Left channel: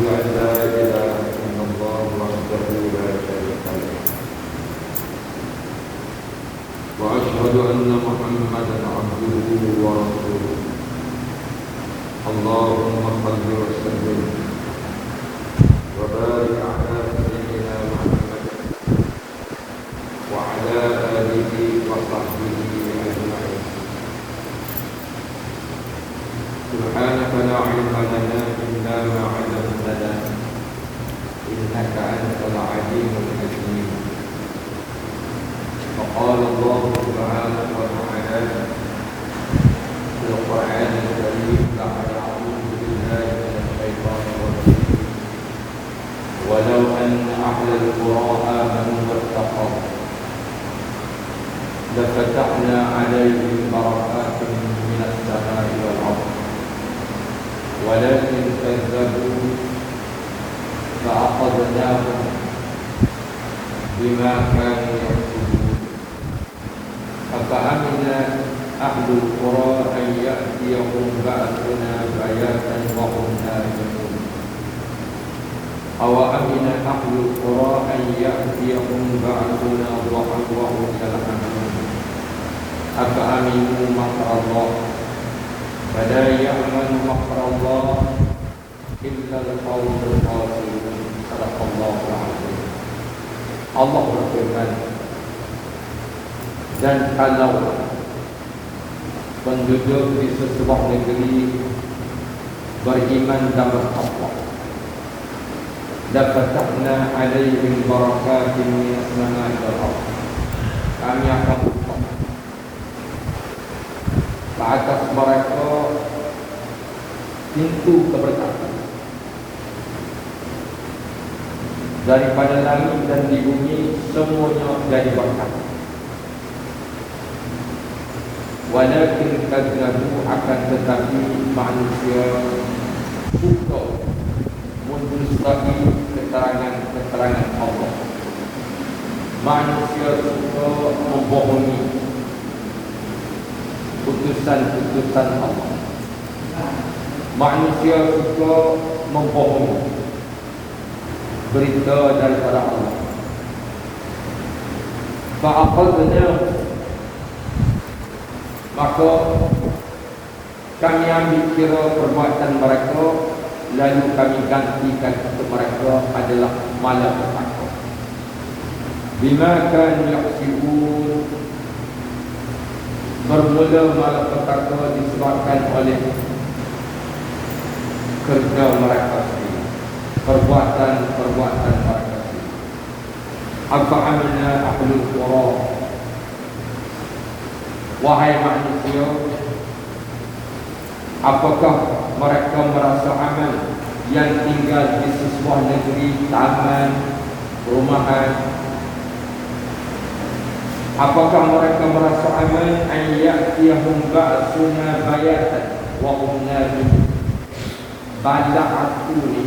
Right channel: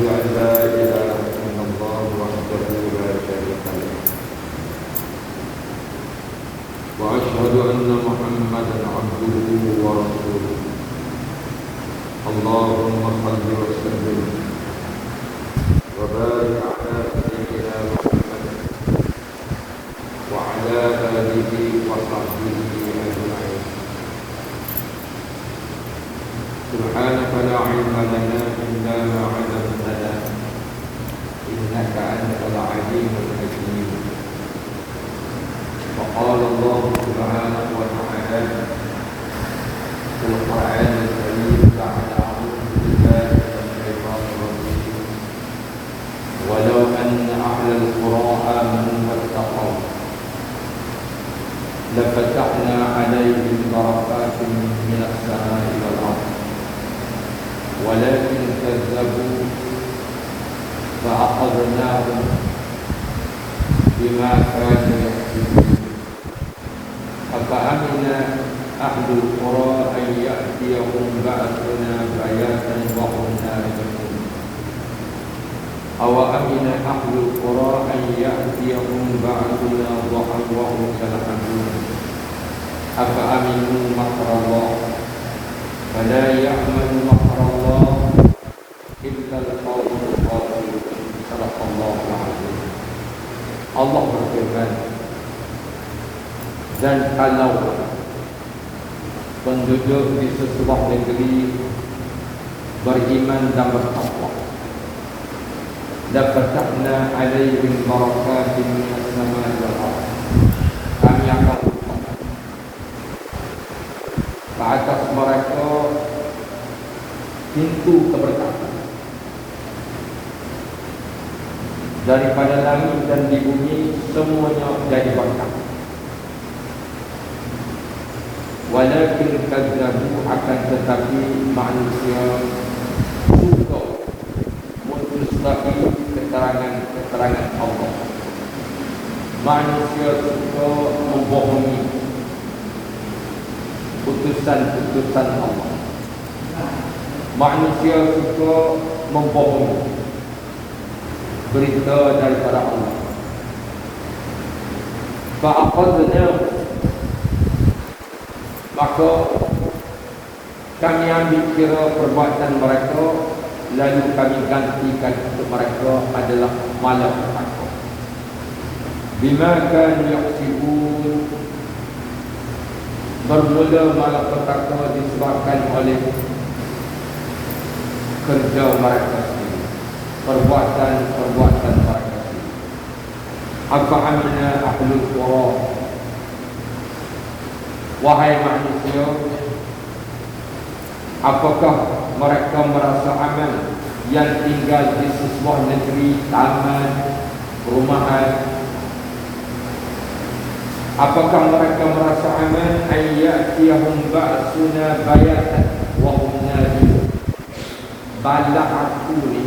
أن لا إله إلا الله وحده لا شريك له وأشهد أن محمدا عبده ورسوله اللهم صل وسلم وبارك على سيدنا محمد وعلى آله وصحبه أجمعين. سبحانك لا علم لنا إلا ما علمتنا إنك أنت العليم الحكيم. وقال الله سبحانه وتعالى في القرآن الكريم بعد أعوذ بالله من الشيطان الرجيم ولو أن أهل القرى آمنوا واتقوا لفتحنا عليهم بركات من السماء والأرض ولكن كذبوا فأخذناهم بما كانوا يكسبون أفأمن أهل القرى أن يأتيهم بأسنا بياتا وهم نائمون أوأمن أهل القرى أن يأتيهم بأسنا ضحى وهم يلعبون أفأمنوا مكر الله فلا يأمن مكر الله إلا القوم الخاسرون. صدق الله العظيم. Allah berfirman, dan kalau penduduk di sebuah negeri beriman dan bertakwa, lafatahna alaihim barakatin minas samai wal ardh, kami akan buka ke atas mereka pintu keberkatan daripada langit dan di bumi, semuanya jadi berkat. Walakin kadzabu, akan tetapi manusia suka mendustai keterangan Allah. Manusia suka membohongi putusan-putusan Allah. Manusia suka membohongi berita daripada Allah. Fa'aqadna, maka kami ambil kira perbuatan mereka, lalu kami gantikan untuk mereka adalah malapetaka. Bima kanu yaksibun, bermula malapetaka disebabkan oleh kerja mereka, perbuatan mereka. Apa amina ahlul qura, wahai manusia, apakah mereka merasa aman yang tinggal di sebuah negeri taman, perumahan? Apakah mereka merasa aman ayyatiyahum ba'suna bayatan wa hum najimun? Bala aku ni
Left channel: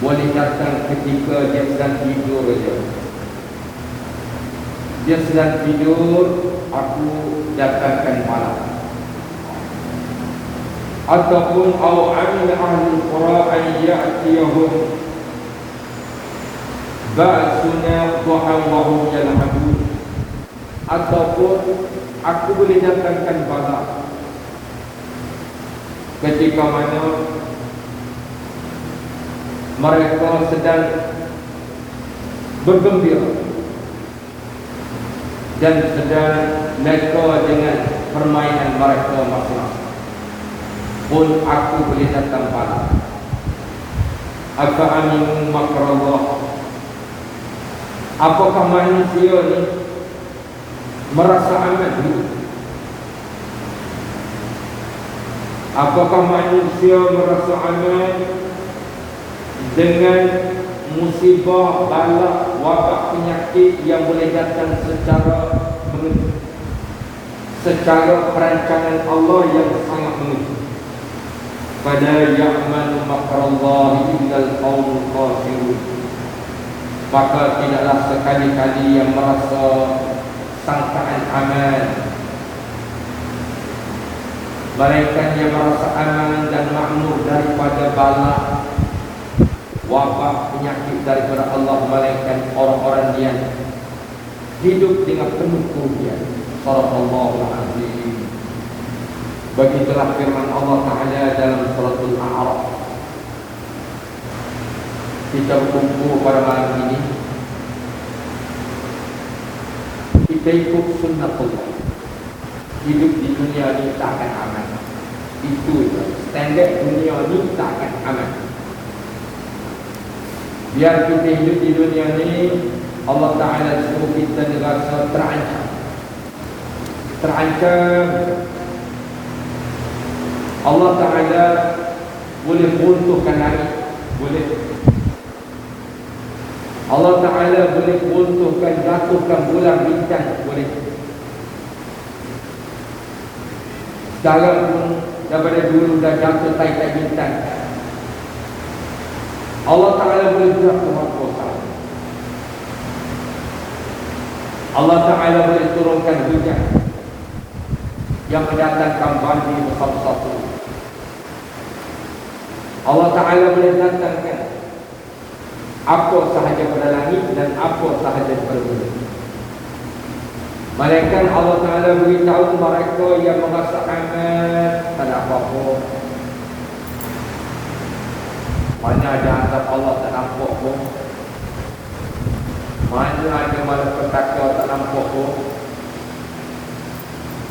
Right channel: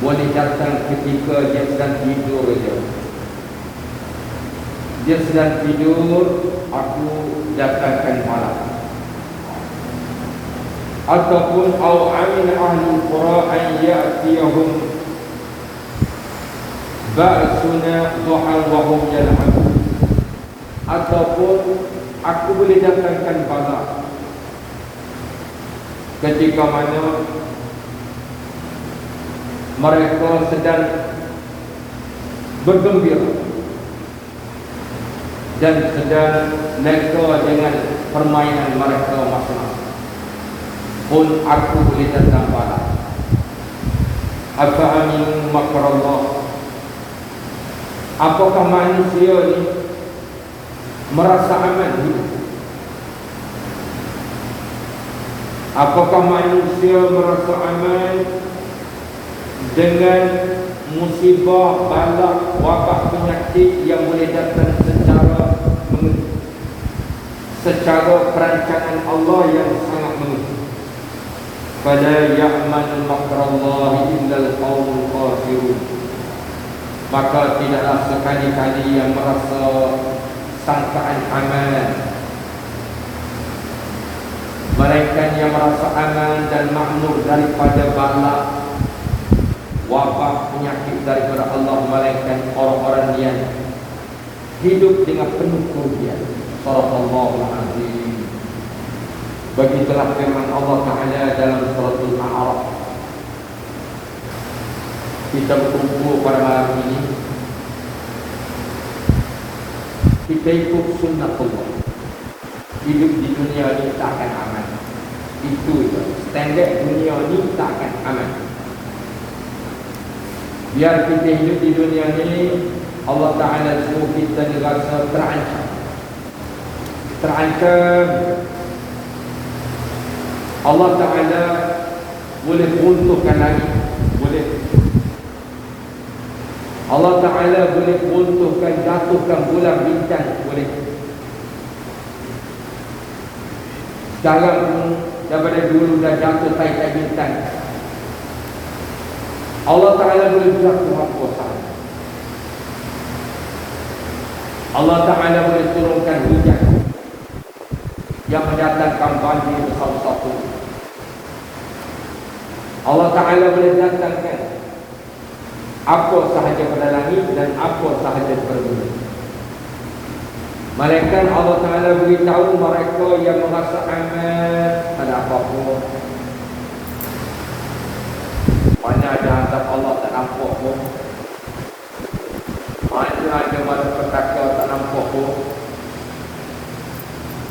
boleh datang ketika dia sedang tidur saja. Dia sedang tidur, aku datangkan malam. Ataupun au amin ahlul qura an ya'tiyahum ba'suna duhan wa hum yal'abun. Ataupun aku boleh datangkan malam ketika mana mereka sedang bergembira dan sedang mereka dengan permainan mereka masing-masing, pun aku boleh datang pada. Apa amin makrallah, apakah manusia ni merasa aman dulu? Apakah manusia merasa aman dengan musibah, bala, wabak, penyakit yang boleh datang secara perancangan Allah yang sangat mengejutkan? Fala ya'man makrallahi illa al-qawmul khasirun. Maka tidaklah sekali-kali yang merasa sangkaan aman, melainkan yang merasa aman dan makmur daripada bala daripada Allah, melainkan orang-orang yang hidup dengan penuh kerugian. Sallallahu alaihi. Begitulah firman Allah Ta'ala dalam suratul A'raf. Kita berkumpul pada malam ini, kita ikut sunnah Allah. Hidup di dunia ini tak akan aman. Itu standard dunia ini tak akan aman. Biar kita hidup di dunia ini, Allah Ta'ala suruh kita rasa terancam. Allah Ta'ala boleh runtuhkan langit, boleh. Allah Ta'ala boleh runtuhkan, jatuhkan bulan bintang, boleh. Sekarang daripada dulu dah jatuh kaitan bintang. Allah Ta'ala boleh buat kuasa. Allah Ta'ala boleh turunkan hujan yang mendatangkan banjir besar-besar. Allah Ta'ala boleh datangkan apa sahaja pada langit dan apa sahaja pada bumi. Malaikat Allah Ta'ala beritahu mereka yang merasa aman, tak ada apa-apa. Mana ada azab Allah tak nampak pun. Mana ada malapetaka tak nampak pun.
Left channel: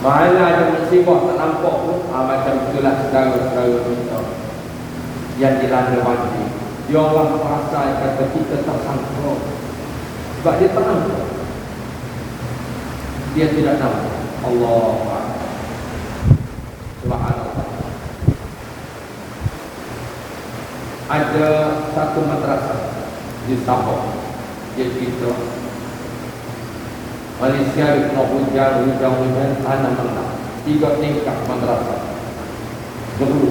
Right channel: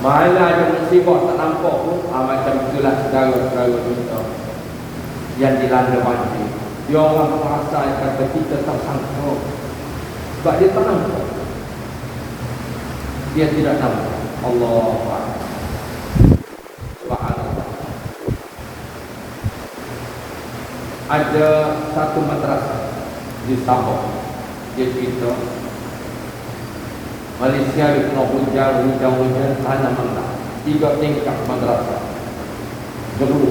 Mana ada musibah tak nampak pun. Macam itulah segala-segala kita yang dilanda banjir. Dia orang merasa kata kita tersangka. Sebab dia tak nampak. Dia tidak tahu. Allah Subhanahu. Ada satu madrasah di Sabah. Dia cerita Malaysia itu hujan tanam tanah. 3 tingkat madrasah. Dulu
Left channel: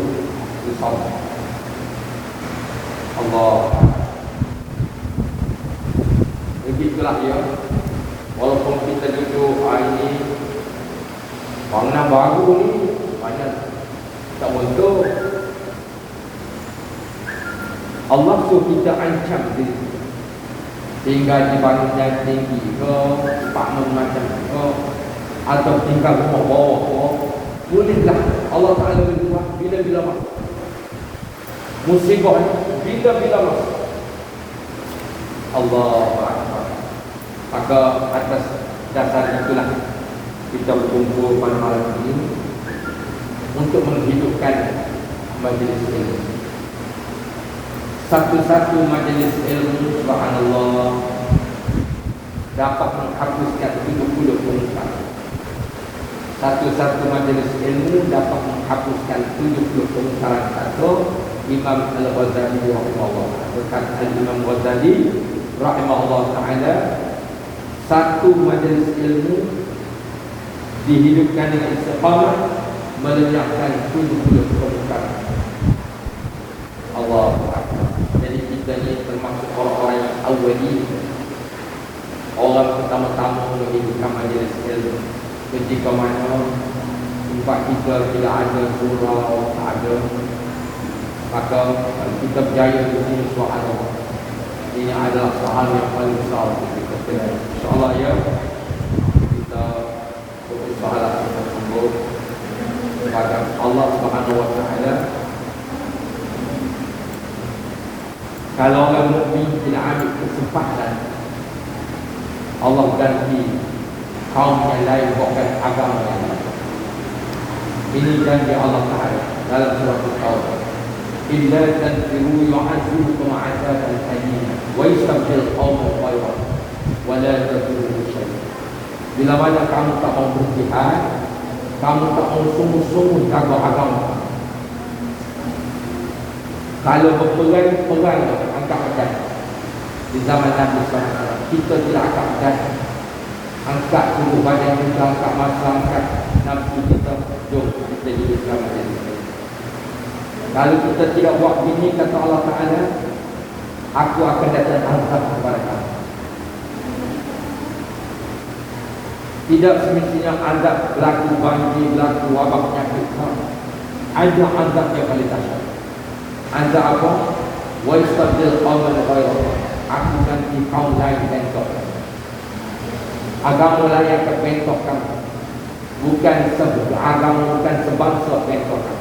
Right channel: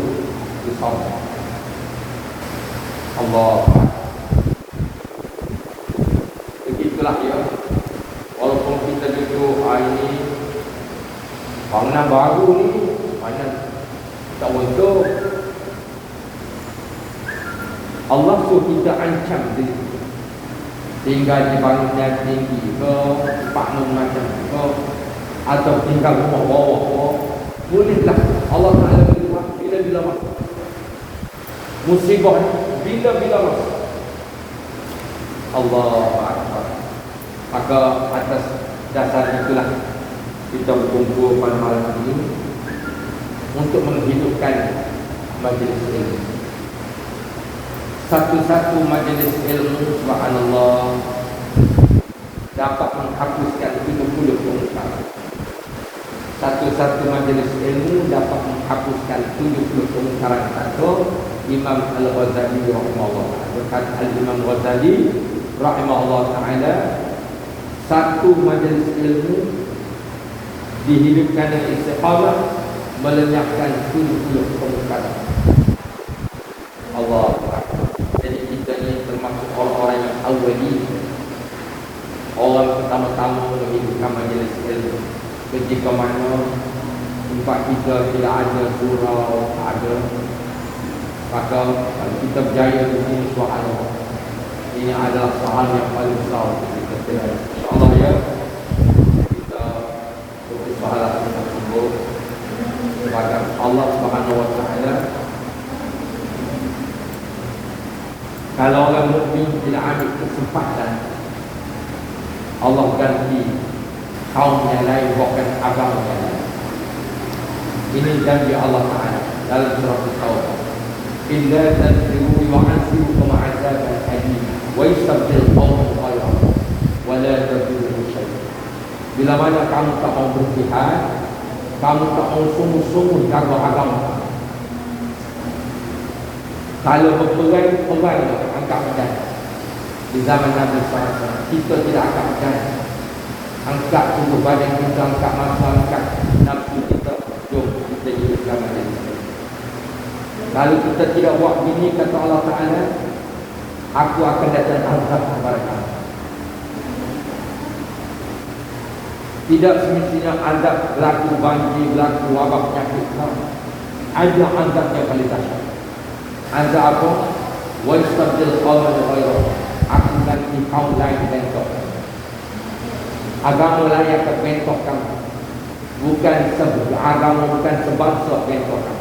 di Sabah. Allah. Begitulah ya. Walaupun kita duduk hari ini, bangunan baru ni banyak tak untuk. Allah tu kita ancam diri sehingga dibangunnya tinggi ke, bangun macam ke, atau tinggal bawah-bawah. Bolehlah Allah Ta'ala beritahu bila-bila musibah bila-bila Allah. Maka atas dasar itulah kita berkumpul pada malam ini untuk menghidupkan majlis ilmu. Satu-satu majlis ilmu, subhanallah, dapat menghapuskan 70 kemungkaran. Satu-satu majlis ilmu dapat menghapuskan 70 kemungkaran. Satu Imam Al-Ghazali rahimahullah, atau kata Imam Ghazali rahimahullah ta'ala, satu majlis ilmu dihidupkan dengan istiqamah melenyapkan 70 kemungkaran. Allah. Jadi kita ni termasuk orang-orang yang awali, orang pertama-tama menghidupkan majlis ilmu. Ketika mana tempat kita tidak ada surau, tak ada, maka kita berjaya di sini. Soalan ini adalah soalan yang paling besar kita dengar. InsyaAllah ya, kita berusaha kita sembuh kepada Allah Subhanahu Wa Taala. Kalau orang mukmin tidak ambil kesempatan, Allah ganti kaum yang lain, bukan agama yang lain. Ini janji Allah Ta'ala dalam surah Al-Tawbah. Illa tanfiru yu'adzibukum 'adzaban alima wa yastabdil qauman ghayrakum wa la tadurruhu syai'an. Bila mana kamu tak mau berjihad, kamu tak mau sungguh-sungguh jaga agama, kalau berperang angkat di zaman Nabi SAW, kita tidak akan angkat tubuh badan kita, angkat masa, angkat nafsu kita. Jom kita jadi Islam. Lalu kita tidak buat begini, kata Allah Ta'ala, aku akan datang azab kepada kamu. Tidak semestinya azab berlaku banjir, berlaku wabak penyakit. Ada azab yang paling dahsyat. Azab apa? Wa yastabdil qauman ghayrakum. aku nanti kau lain bentok. Agama layak kebentokan. Bukan agama, bukan sebangsa bentokan.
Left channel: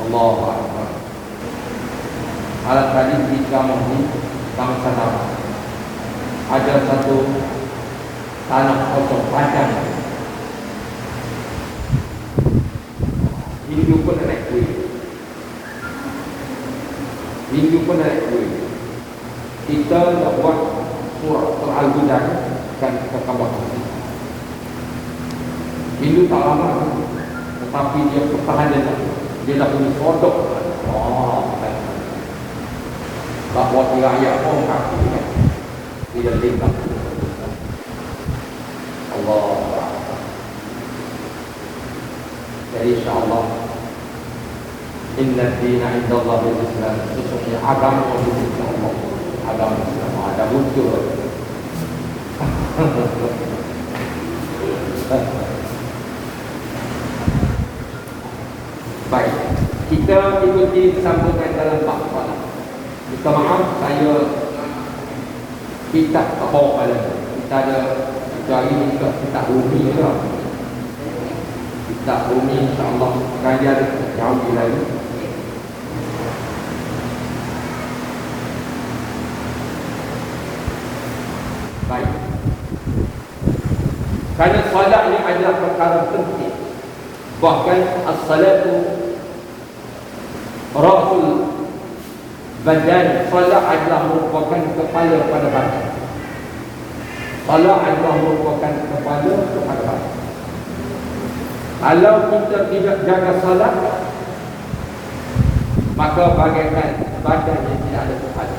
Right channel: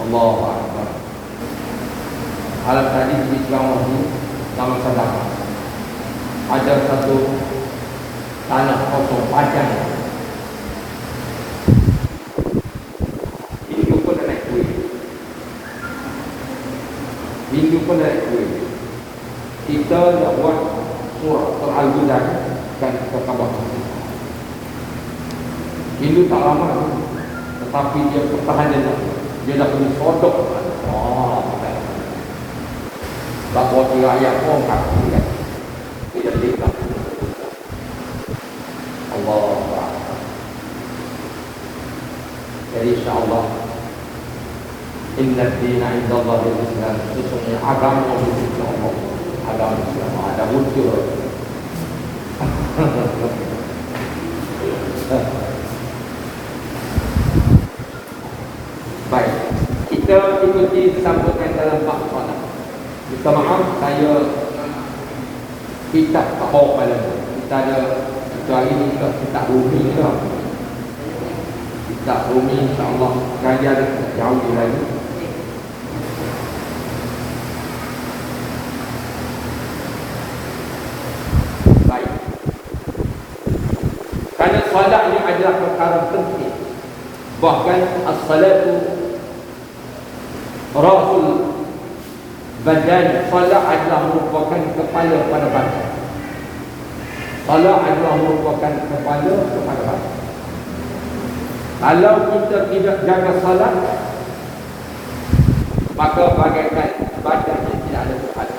Allah Akbar. Alat tradisi agama ini bangsa dalam. Ada satu tanah kosong padang. Hindu pun naik kuih. Hindu pun naik kuih. Kita buat surah Al-Quran dan kekabar. Hindu tak lama, tetapi dia pertahanan. Dia dah pun sodok. Bahawa dia ayat orang tidak lipat. Allah. Jadi insyaAllah Inna dina inda Allah Islam. Sesungguhnya agama itu Allah. Agama Islam ada muncul. Baik, kita ikuti sampaikan dalam bangsa. Kita maaf, kita tak bawa pada kita ada kita ini kita rumi juga. Kita rumi insyaAllah kajian jauh lagi. Baik, karena salat ini adalah perkara penting. Bahkan as-salatu rasul badan. Salat adalah merupakan kepala pada badan. Salat adalah merupakan kepala pada badan. Kalau kita tidak jaga salat, maka bagaikan badan yang tidak ada kepala.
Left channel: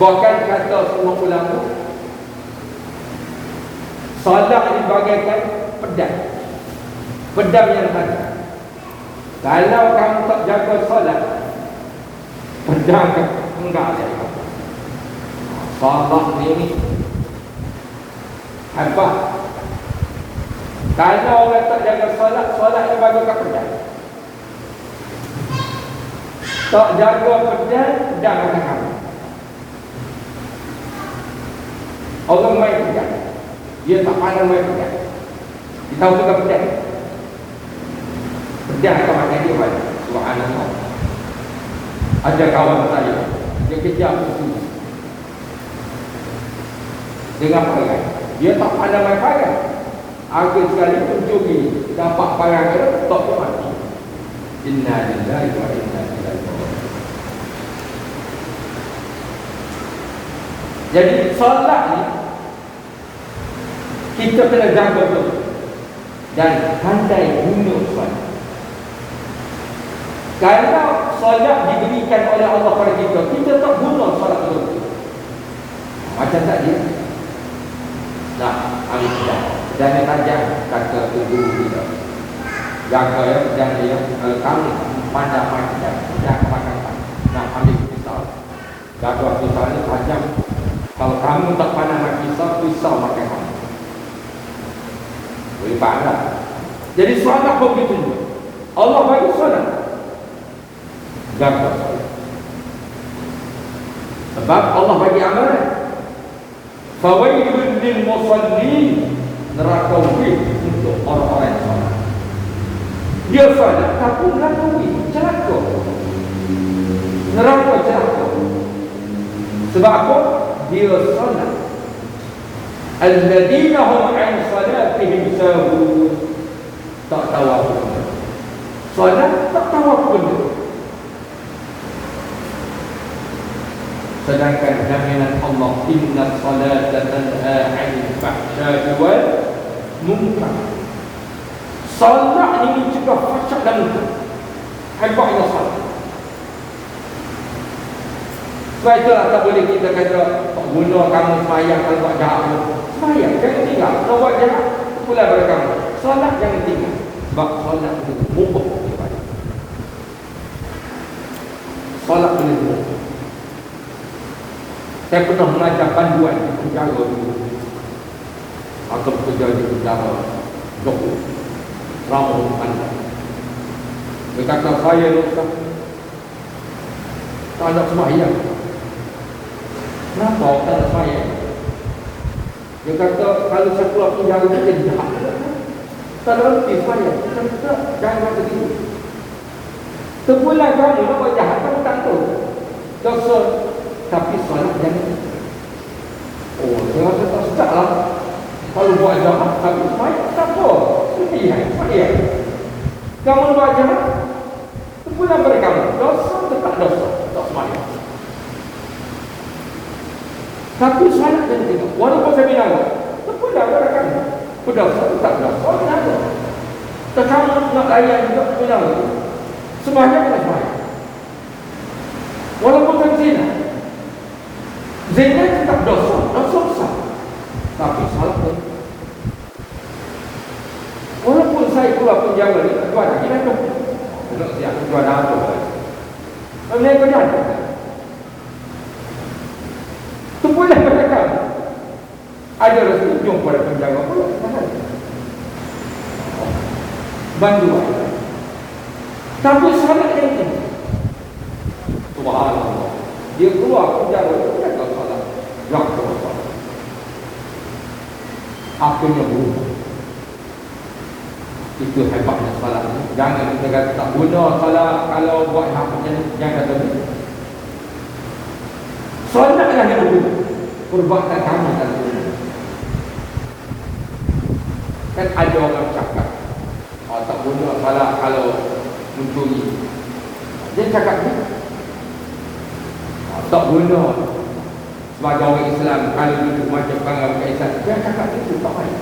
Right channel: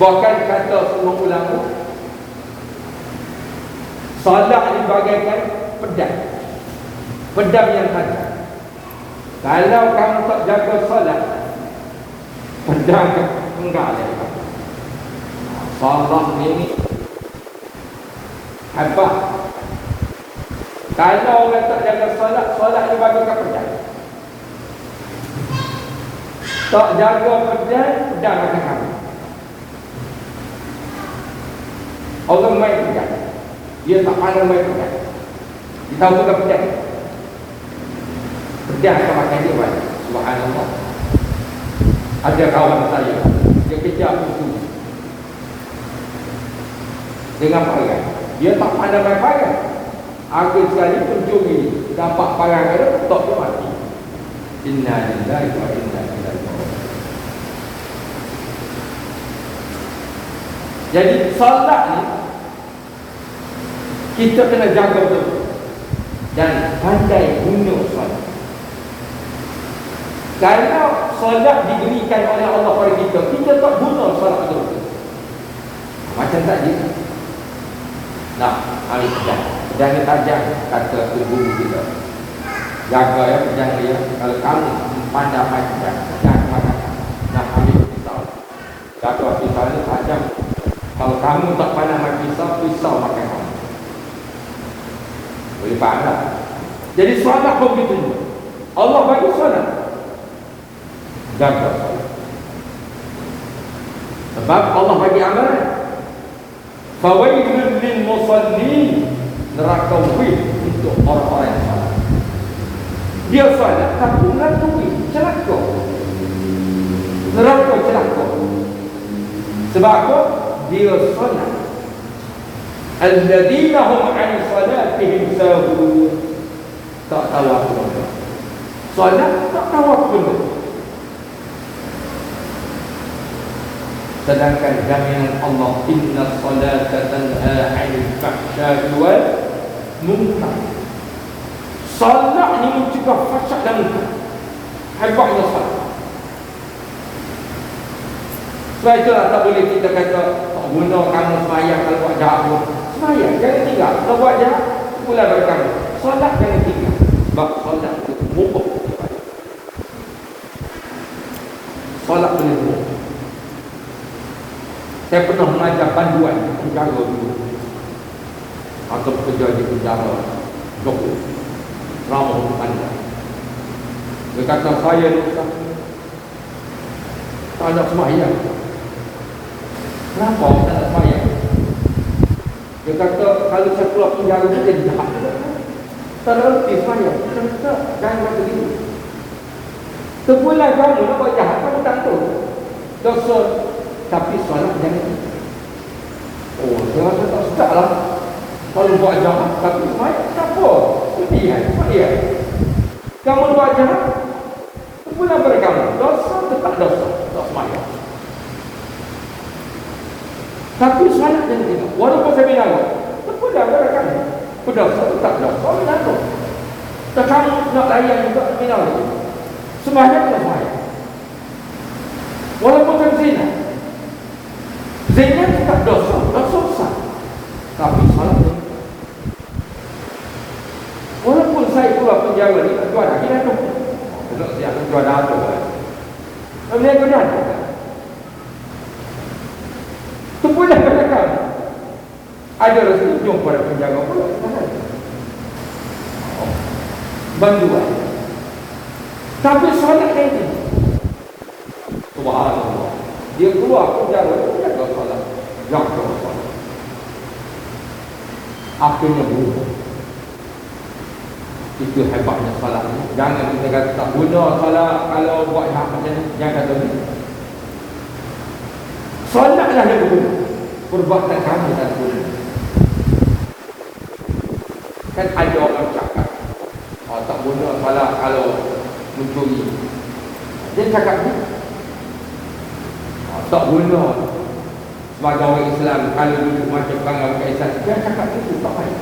Bahkan kata semua ulama, salat dibagaikan pedang. Pedang yang ada. Kalau kamu tak jaga salat, pedang enggak ada. Salat ni apa? Kalau orang tak jaga salat, salat dia bagaikan pedang. Tak jaga pedang, pedang akan kalah. Orang main pedang, dia tak pandai main pedang. Kita tahu juga pedang. Pedang pakai dia banyak. Subhanallah. Ada kawan saya, dia kejar musuh dengan pagar. Dia tak pandai main pagar. Akhir sekali pencuri dapat pagar dia, tak mati. Inna lillahi wa inna ilaihi raji'un. Jadi salat ni kita kena jaga betul dan pandai guna salat. Kalau salat diberikan oleh Allah kepada kita, kita tak guna salat betul. Macam tadi. Nah, hari kita dan tajam kata guru kita. Jaga ya, jangan dia kalau pada macam jangan nak ambil pisau. Jaga pisau ni tajam. Kalau kamu tak pandai nak pisau makan kamu. Boleh faham tak? Jadi salat begitu. Allah bagi salat. Jaga. Sebab Allah bagi amalan. Fawailun lil musallin, neraka wih untuk orang-orang yang salat. Dia salat tapi neraka wih, celaka. Neraka celaka. Sebab apa? Dia salat. Alladzina hum an salatihim sahun. Tak tahu apa benda. Salat tak tahu apa benda. Sedangkan jaminan Allah, inna salata tanha 'anil fahsya'i wal munkar. Salat ni mencegah fahsyak dan munkar. Hebatnya salat. Sebab itulah tak boleh kita kata guna kamu sembahyang kalau tak jahat pun. Sembahyang jangan tinggal. Kalau buat jahat, pula pada kamu. Salat jangan tinggal. Sebab salat itu mubuk. Salat boleh mubuk. Saya pernah mengajar panduan di penjara dulu. Atau kerja di penjara Joko Ramon Anda. Dia kata saya ni tak ada sembahyang. Kenapa tak nak semayang? Dia kata kalau saya keluar penjara dia jahat. Tak ada reti semayang. Dia kata jangan begitu. Sebulan kamu nak buat jahat, kamu tak tahu dosa, tapi solat jangan. Oh, saya kata tak lah. Kalau buat jahat, tapi semayang tak apa. Iya. Kamu buat jahat, sebulan berkamu. Dosa tetap dosa. Tak semayang. Tapi solat jangan. Walaupun saya bilang, sebulan berkamu. Dosa tetap dosa. Tak apa. Tak kamu nak layan untuk bilang. Semuanya kena semayang. Walaupun kan zina, zina tetap dosa besar. Tapi salah ni. Walaupun saya keluar penjara ni, tak jual lagi dah tu. Kalau siap jual dah tu. Kalau dia benar. Tu boleh katakan. Ada restu pada penjara pula. Bantuan. Tapi solat ini, subhanallah, dia keluar penjara, dia tak solat, tak solat. Akhirnya berubah. Itu hebatnya solat. Jangan kita kata tak guna solat kalau buat hak macam ni, jangan kata ni. Solatlah yang berubah. Perbuatan kamu tak berubah. Kan ada orang cakap, tak guna solat kalau mencuri. Dia cakap ni tak guna sebagai orang Islam kalau hidup macam kalau Islam. Dia cakap itu tak baik.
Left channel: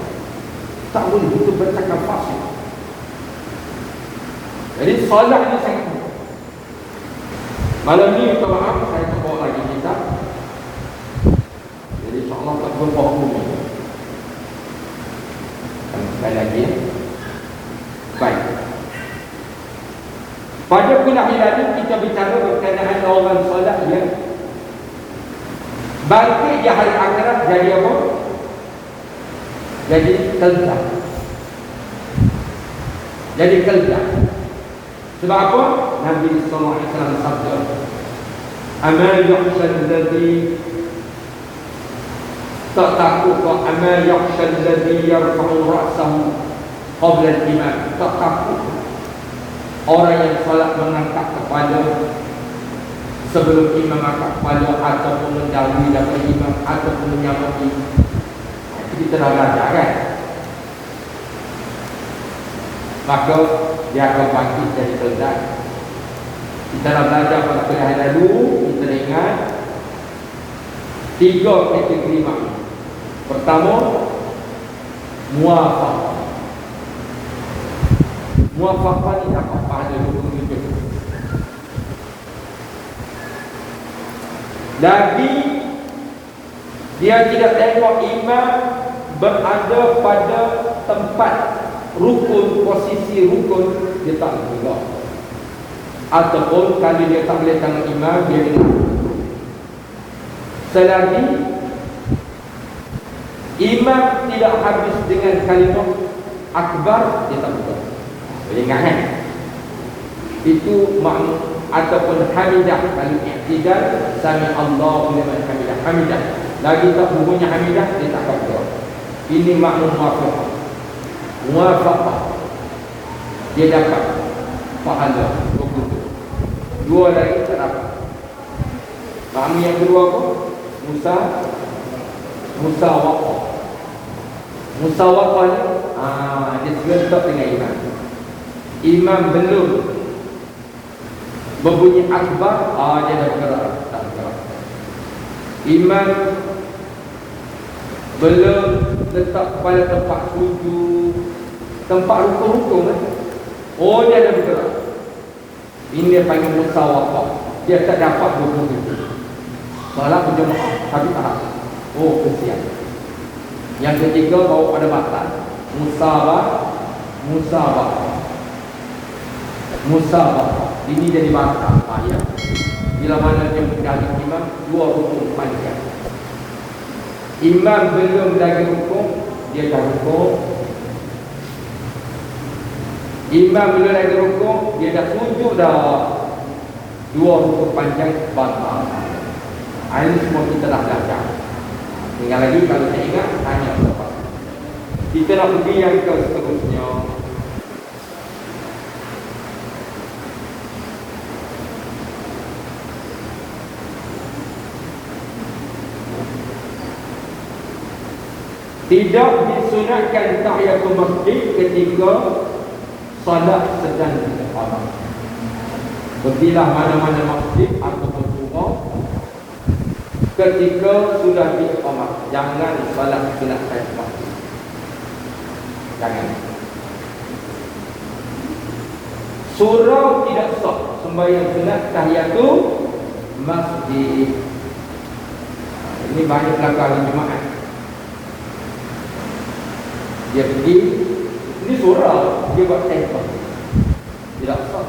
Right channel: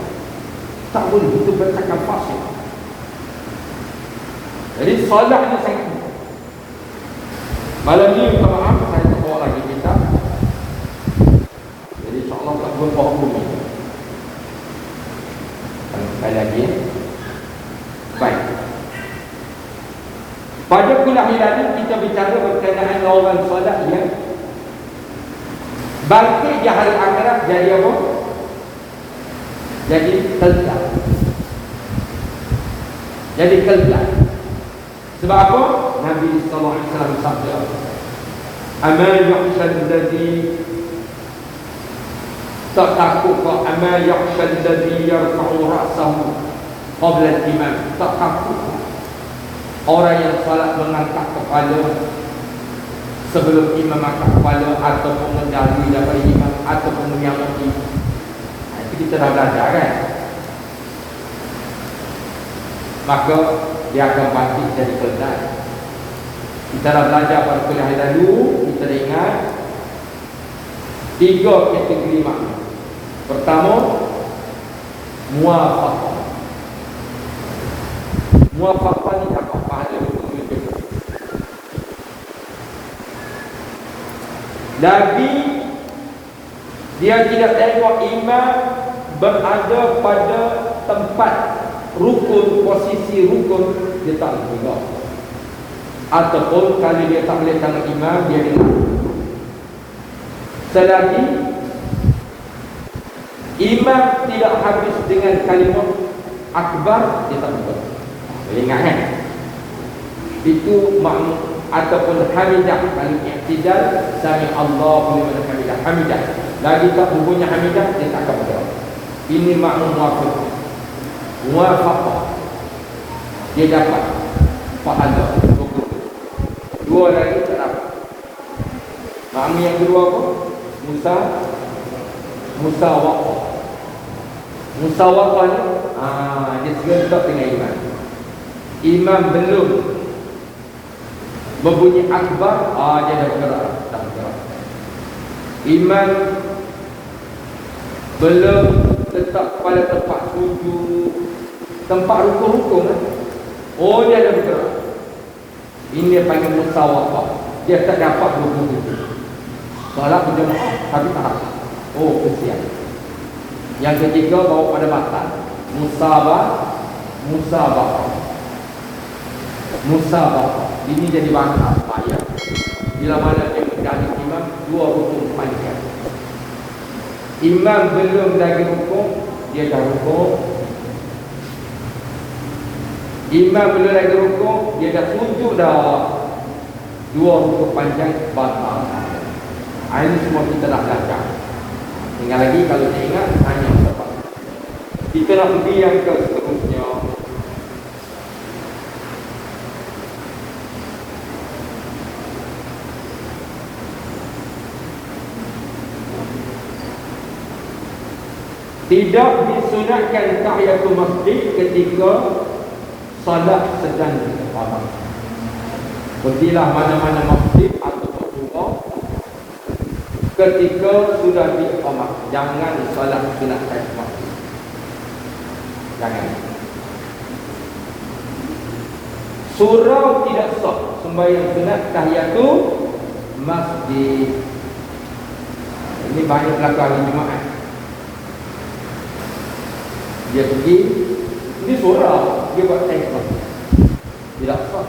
Tak boleh, itu bercakap fasik. Jadi solat ni sangat. Malam ni saya tak bawa lagi kitab. Jadi insyaAllah tak boleh bawa bumi. Sekali lagi. Baik. Pada kuliah ini kita bicara berkenaan orang solat yang bangkit di hari akhirat jadi apa? Jadi kelak. Jadi kelak. Sebab apa? Nabi sallallahu alaihi wasallam sabda, "Amal yahshal ladzi tak takut ke amal yahshal ladzi yarfa'u ra'sahu qabla al-imam." Tak takut orang yang salat mengangkat kepala sebelum imam angkat kepala ataupun mendahului daripada imam ataupun menyamati. Itu kita dah belajar kan? Maka dia akan bangkit dari kelak. Kita dah belajar pada kuliah lalu. Kita ingat 3 kategori makna. Pertama, muwafaqah. Muwafaqah ni apa? Ada hukum itu. Nabi dia tidak tengok imam berada pada tempat rukun, posisi rukun, dia tak boleh. Ataupun kalau dia tak boleh tengok imam, dia dengar. Selagi imam tidak habis dengan kalimah akbar, dia tak boleh. Ingat kan? Itu makna ataupun hamidah. Kalau i'tidal, sami Allahu liman hamidah. Hamidah. Lagi tak bunyi hamidah, dia tak boleh. Ini makna muwafaqah. Muwafaqah. Dia dapat pahala. Dua lagi tak dapat. Makna yang kedua apa? Musawaqah. Musawaqah ni dia serentak dengan imam. Imam belum berbunyi akbar, dia dah bergerak. Imam belum letak pada tempat sujud, tempat rukun-rukun. Dia dah bergerak. Ini dia panggil musawaqah. Dia tak dapat rukun itu. Salah berjemaah, tapi tak. Kesian. Yang ketiga bawa pada mata. Musabah. Ini jadi bangsa ayat. Bila mana dia mendapat imam, 2 rukun panjang. Imam belum lagi rukun, dia dah rukun. Imam belum lagi rukun, dia dah sujud dah. 2 rukun panjang bangsa. Ini semua kita dah belajar. Tinggal lagi kalau tak ingat, tanya apa. Kita nak pergi yang ke seterusnya. Tidak disunatkan tahiyatul masjid ketika solat sedang diqamah. Pergilah mana-mana masjid atau rumah ketika sudah diqamah. Jangan solat sunatkan masjid. Jangan. Surau tidak sah sembahyang sunat tahiyatul masjid. Ini banyak belakang Jumaat. Dia pergi, ini surau, dia buat tempat. Tidak sah.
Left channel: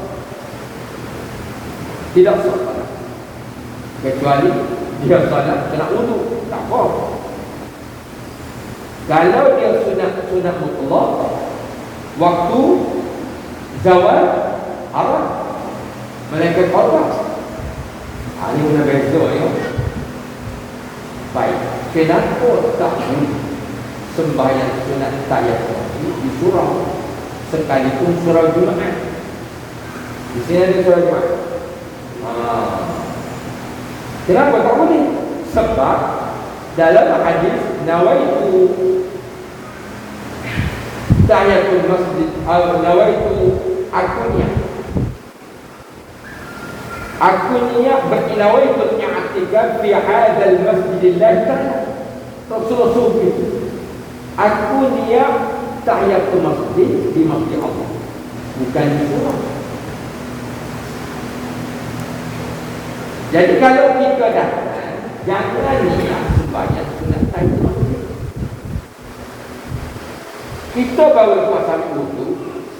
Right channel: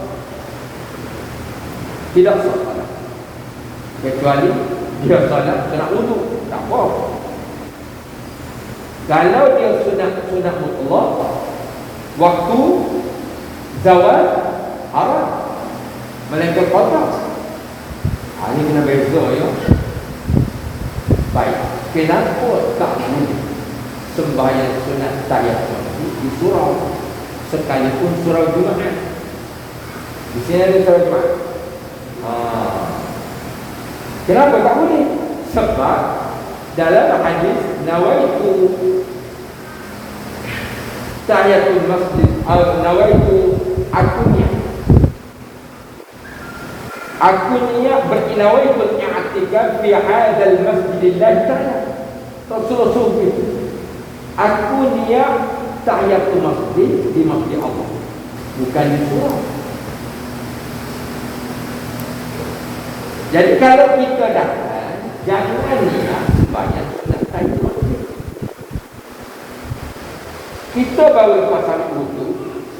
Tidak sah. Kecuali dia solat sunat wudu, tak apa. Kalau dia sunat mutlak, waktu zawal haram, melainkan qada. Ini kena beza ya. Baik, kenapa tak boleh sembahyang sunat tahiyatul di surau sekalipun surau Jumaat? Di sini ada surau Jumaat. Kenapa tak boleh? Sebab dalam hadis nawaitu tahiyatul masjid nawaitu aku niat berinawaitu i'tikaf fi hadzal masjidillah ta'ala. Rasul itu aku niat tahiyatul masjid di masjid Allah, bukan di surau. Jadi kalau kita datang, jangan niat sembahyang sunat tahiyatul masjid. Kita baru pasal wudu,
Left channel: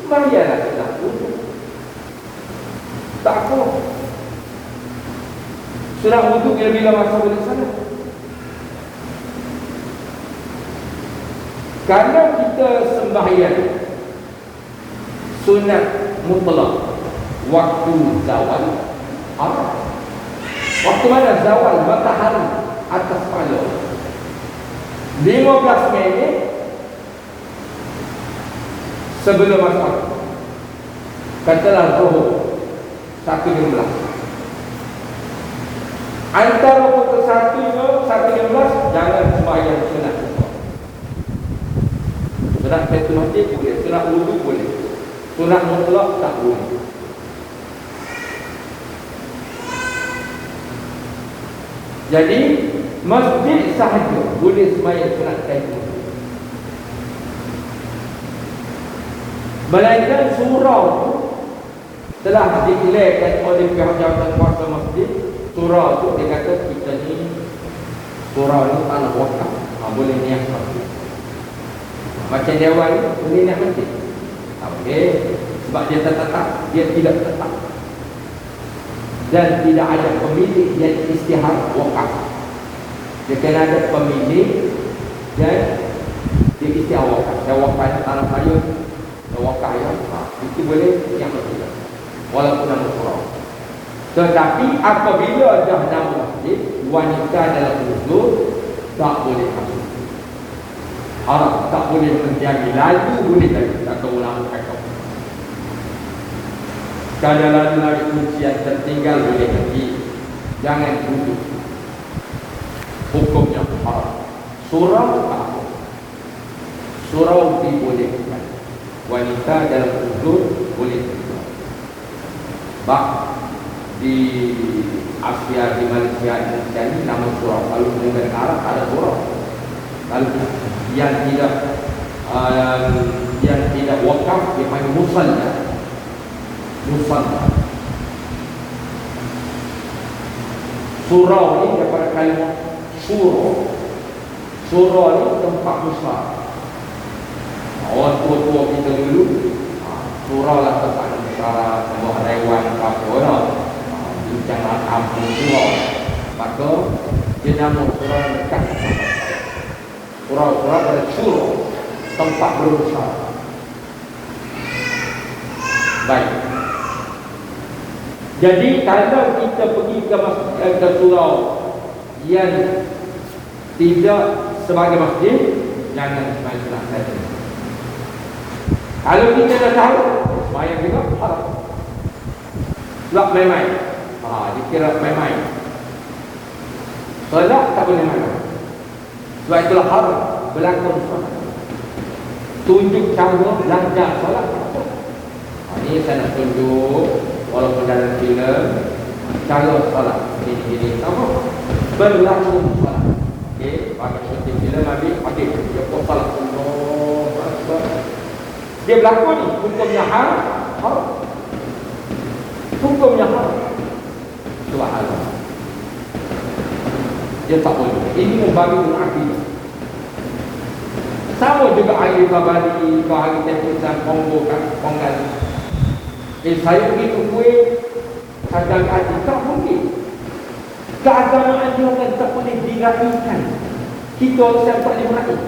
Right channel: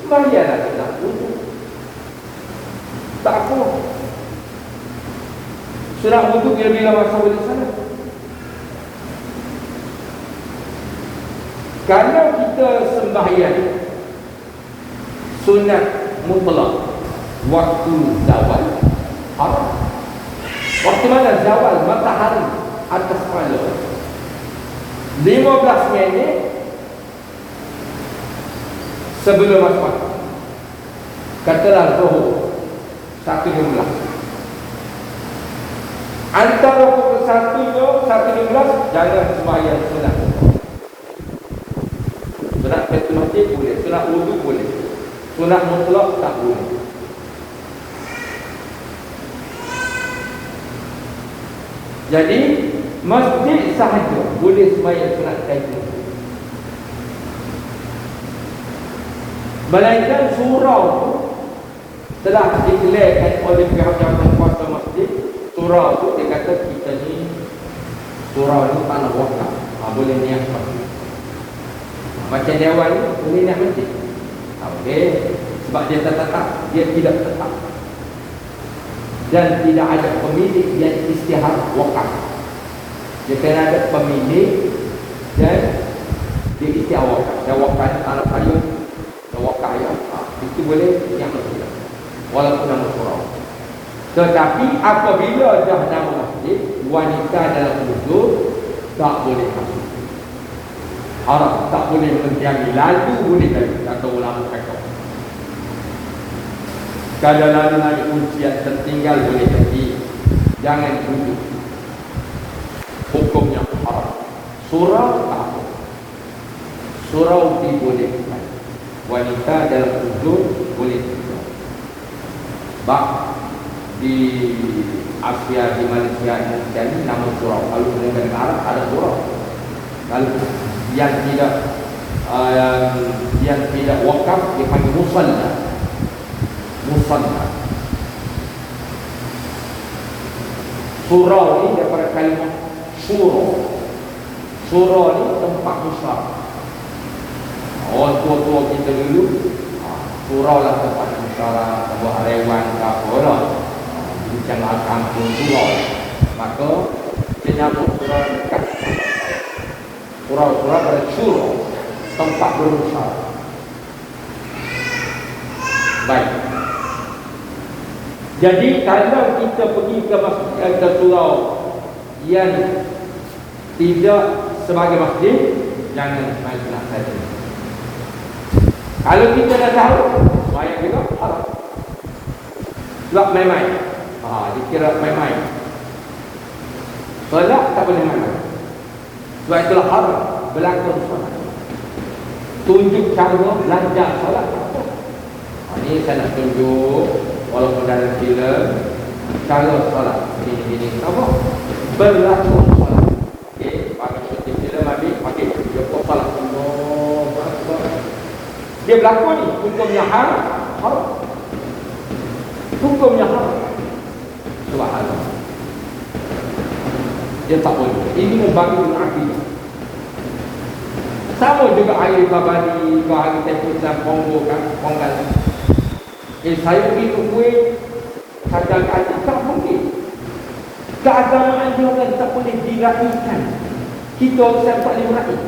sembahyanglah sunat wudu. Tak apa. Sunat wudu bila-bila masa boleh sana. Kalau kita sembahyang sunat mutlak waktu zawal haram. Waktu mana zawal? Matahari atas kepala 15 minit sebelum asar. Katalah zuhur 1.15. Antara pukul 1.15 jangan sembahyang sunat. Sunat tahiyatul masjid boleh, sunat wudu boleh, sunat mutlak tak boleh. Jadi masjid sahaja boleh sembahyang sunat tahiyatul masjid. Melainkan surau tu telah diklarkan oleh pihak jawatan kuasa masjid. Surau tu dia kata kita ni surau ni tanah wakaf, boleh niat masjid. Macam dewan ni boleh niat masjid. Okey, sebab dia tetap, dia tidak tetap. Dan tidak ada pemilik yang istihar wakaf. Dia kena ada pemilik dan dia istihar wakaf. Dan wakaf tanah payung, wakaf yang itu boleh yang masjid. Walaupun nama surau. Tetapi apabila dah nama masjid, wanita dalam wuduk tak boleh masuk. Haram, tak boleh mendiami. Lalu boleh tadi, kata ulama kata. Kalau lalu kuncian tertinggal boleh jadi. Jangan duduk. Hukumnya haram. Surau apa? Surau dibolehkan. Wanita dalam wuduk boleh. Bak di Asia, di Malaysia dan ini nama surau. Kalau dengan Arab ada surau. Kalau yang tidak wakaf dipanggil musalla. Musalla. Surau ini daripada kalimat surau. Surau ini tempat besar. Orang tua-tua kita dulu, surau lah tempat besar, buat rewan apa orang. Jangan kampung surau. Maka dia nama surau dekat. Surau-surau dari surau, tempat berusaha. Baik. Jadi kalau kita pergi ke surau yang tidak sebagai masjid, jangan main-main saja. Kalau kita dah tahu, main kita haram. Tak main-main. Dikira main-main. Kalau tak boleh main-main. Sebab itulah haram berlaku. Tunjuk cara belajar solat. Ini saya nak tunjuk walaupun dalam filem cara solat. Ini apa? Berlaku solat. Okey, bagi kita filem ambil okey, dia solat. Dia berlaku ni hukumnya haram. Hukumnya haram. Soal. Dia tak boleh. Ini membagi akidah. Sama juga air babadi, bahagi tempusan, Kongo, Kongan. Saya pergi ke Kuwait, kadang-kadang tak mungkin. Keagamaan juga tak boleh diraihkan. Kita saya tak boleh meraih.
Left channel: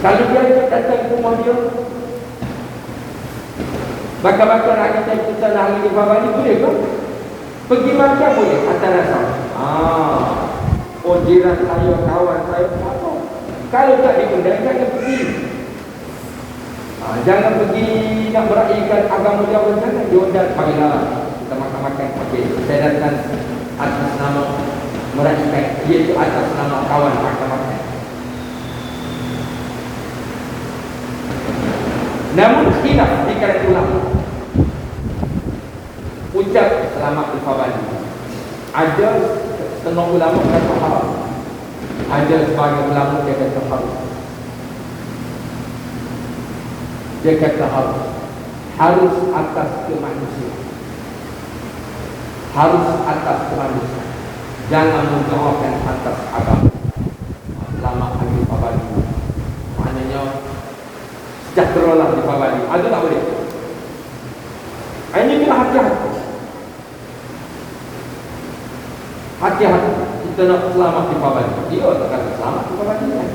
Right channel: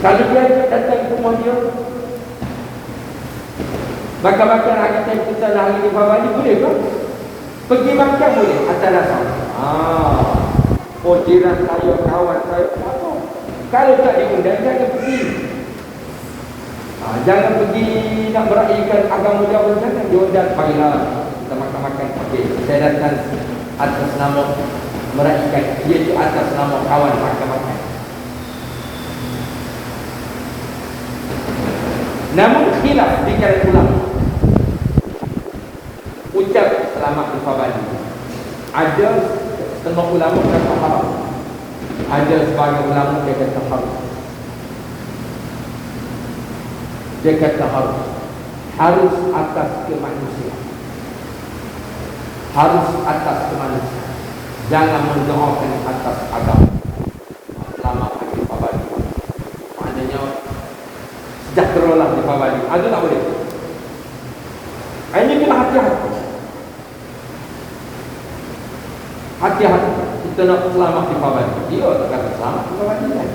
Kalau dia datang ke rumah dia, makan-makan air tempusan hari di babadi, boleh ke? Pergi makan boleh, atas dasar. Oh, jiran saya, kawan saya, kalau tak diundang, jangan pergi. Jangan pergi nak meraihkan agama jauh, jangan diundang. Baiklah, kita makan-makan. Okay. Saya datang atas nama meraihkan, iaitu atas nama kawan makan-makan. Namun khilaf di kalangan ulama. Ucap selamat berfawali. Ada setengah ulama kata haram. Ada sebagian ulama dia kata haram. Dia kata haram. Harus atas kemanusiaan. Harus atas kemanusiaan. Jangan mendoakan atas agama. Selamat berfawali. Maknanya sejahteralah berfawali. Itu tak boleh. Ini kena hati-hati. Hati-hati. Kita nak selamat di bawah ini. Dia orang kata selamat di bawah ini.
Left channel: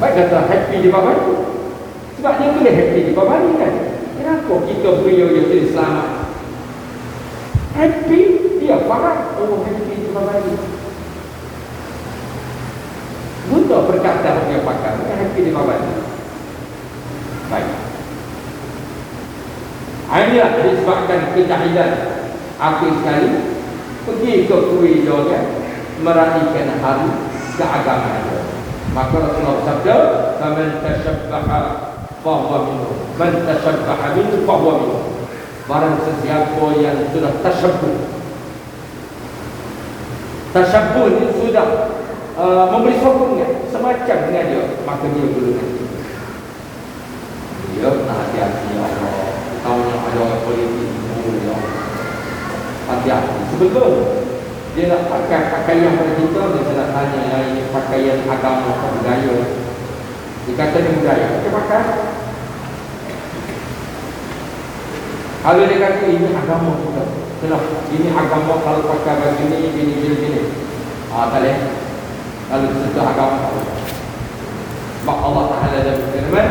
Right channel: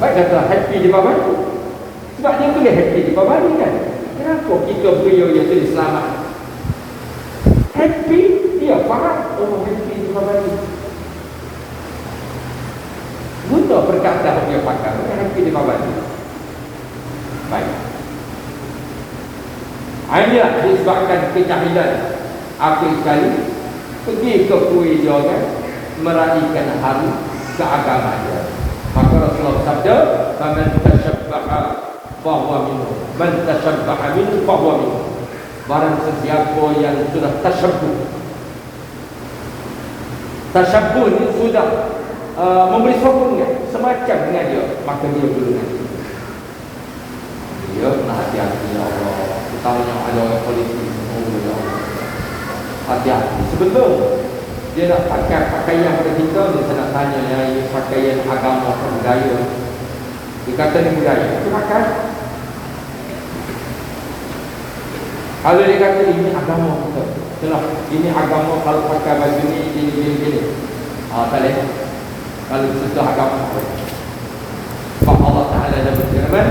Baik kata happy di bawah ini. Sebab dia boleh happy di bawah ini kan. Kenapa kita beliau yang boleh selamat? Happy, dia faham. Oh, happy di bawah ini. Buta perkataan dia pakai. Happy di bawah ini. Baik. Inilah disebabkan kejahilan. Apa sekali pergi ke Kuwait juga meraihkan hari keagamaan. Maka Rasulullah sabda, "Man tashabbaha fahuwa minhum. Man tashabbaha minhum fahuwa minhum." Barang sesiapa yang sudah tasyabbuh. Tasyabbuh ini sudah memberi sokong semacam dengan dia, maka dia dulu. Dia kena hati-hati kalau ada politik hati-hati. Sebelum dia nak pakai pakaian kita, dia nak tanya yang ini pakaian agama atau budaya. Dia kata ni budaya, dia pakai. Kalau dia kata ini agama kita, ini agama, kalau pakai baju ni gini. Tak boleh. Kalau sudah agama, sebab Allah Ta'ala dah berfirman,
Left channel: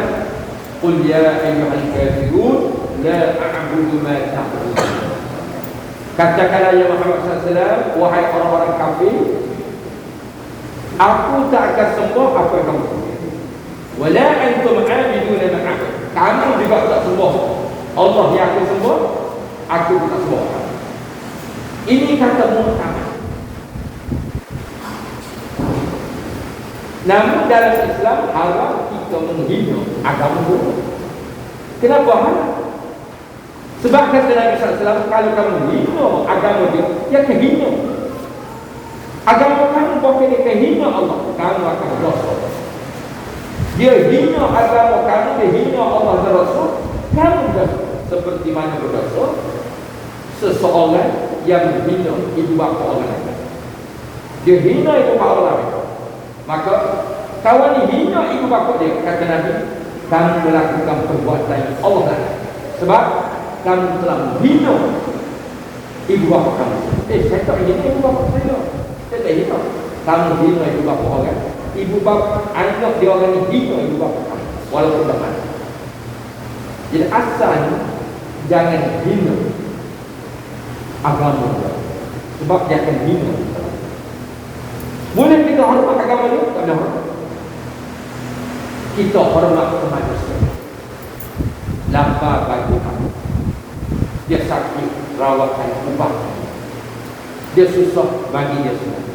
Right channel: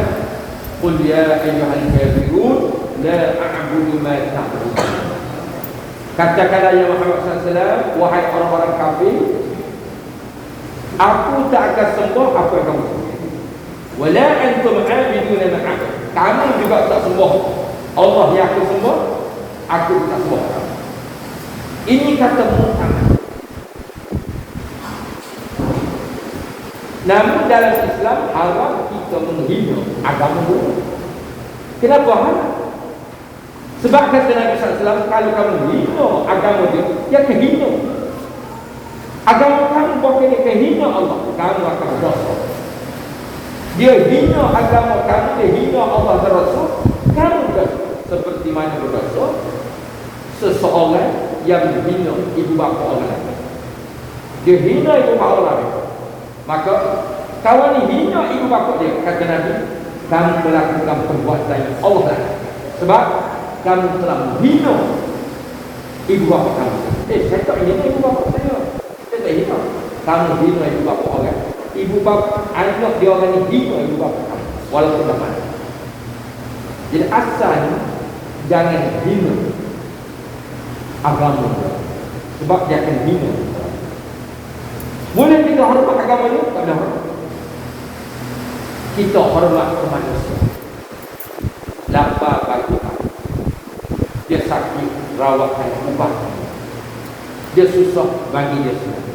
"Qul ya ayyuhal kafirun la a'budu ma ta'budun." Katakanlah ya Muhammad SAW, wahai orang-orang kafir, aku tak akan sembah apa yang kamu sembah. Wala antum 'abiduna ma. Kamu juga tak sembah Allah yang aku sembah, aku tak sembah. Ini kata Muhammad. Namun dalam Islam haram kita menghina agama Allah. Kenapa haram? Sebab kata Nabi SAW, kalau kamu hina agama dia, dia kehina. Agama kamu bukan dia kehina Allah, kamu akan dosa. Dia hina agama kamu, dia hina Allah dan Rasul, kamu dosa. Seperti mana berdosa seseorang yang hina ibu bapa orang lain. Dia hina ibu bapa orang lain. Maka kawan ini hina ibu bapa dia, kata Nabi, kamu melakukan perbuatan yang Allah lain. Sebab kamu telah menghina ibu bapa kamu. Saya tak hina ibu bapa saya. Saya tak hina. Kamu hina ibu bapa orang. Ibu bapa anak dia orang ini hina ibu bapa kamu. Walaupun tak. Jadi asal jangan hina agama. Sebab dia akan hina. Boleh kita hormat agama ni? Tak boleh. Kita hormat manusia. Lambat bagi kamu. Dia sakit, rawatkan umat. Dia susah, bagi dia susah.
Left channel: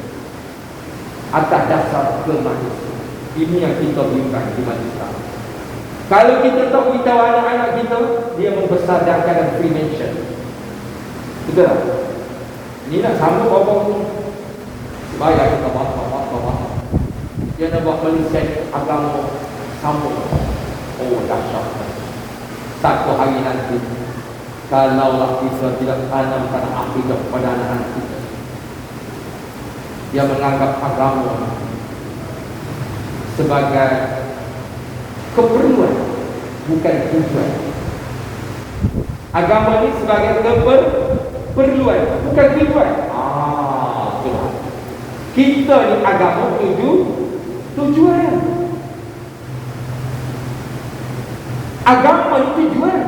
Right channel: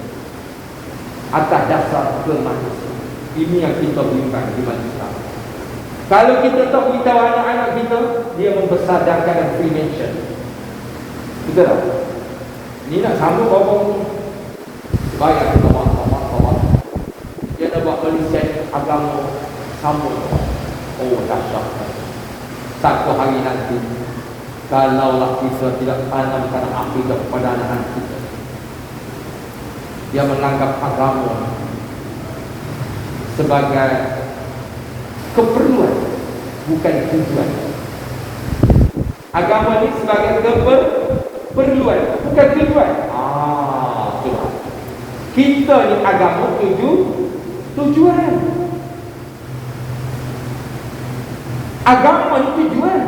Atas dasar kemanusiaan. Ini yang kita berikan di manusia. Kalau kita tak beritahu anak-anak kita, dia membesarkan prevention. Betul tak? Ini nak sama bapa ni. Supaya kita bawa. Dia nak buat konsep agama sama. Oh, dahsyat. Satu hari nanti, kalaulah kita tidak tanamkan akidah kepada anak-anak kita, dia menganggap agama sebagai keperluan, bukan tujuan. Agama ini sebagai keperluan, bukan tujuan. Kita ni agama tujuan. Agama ni tujuan,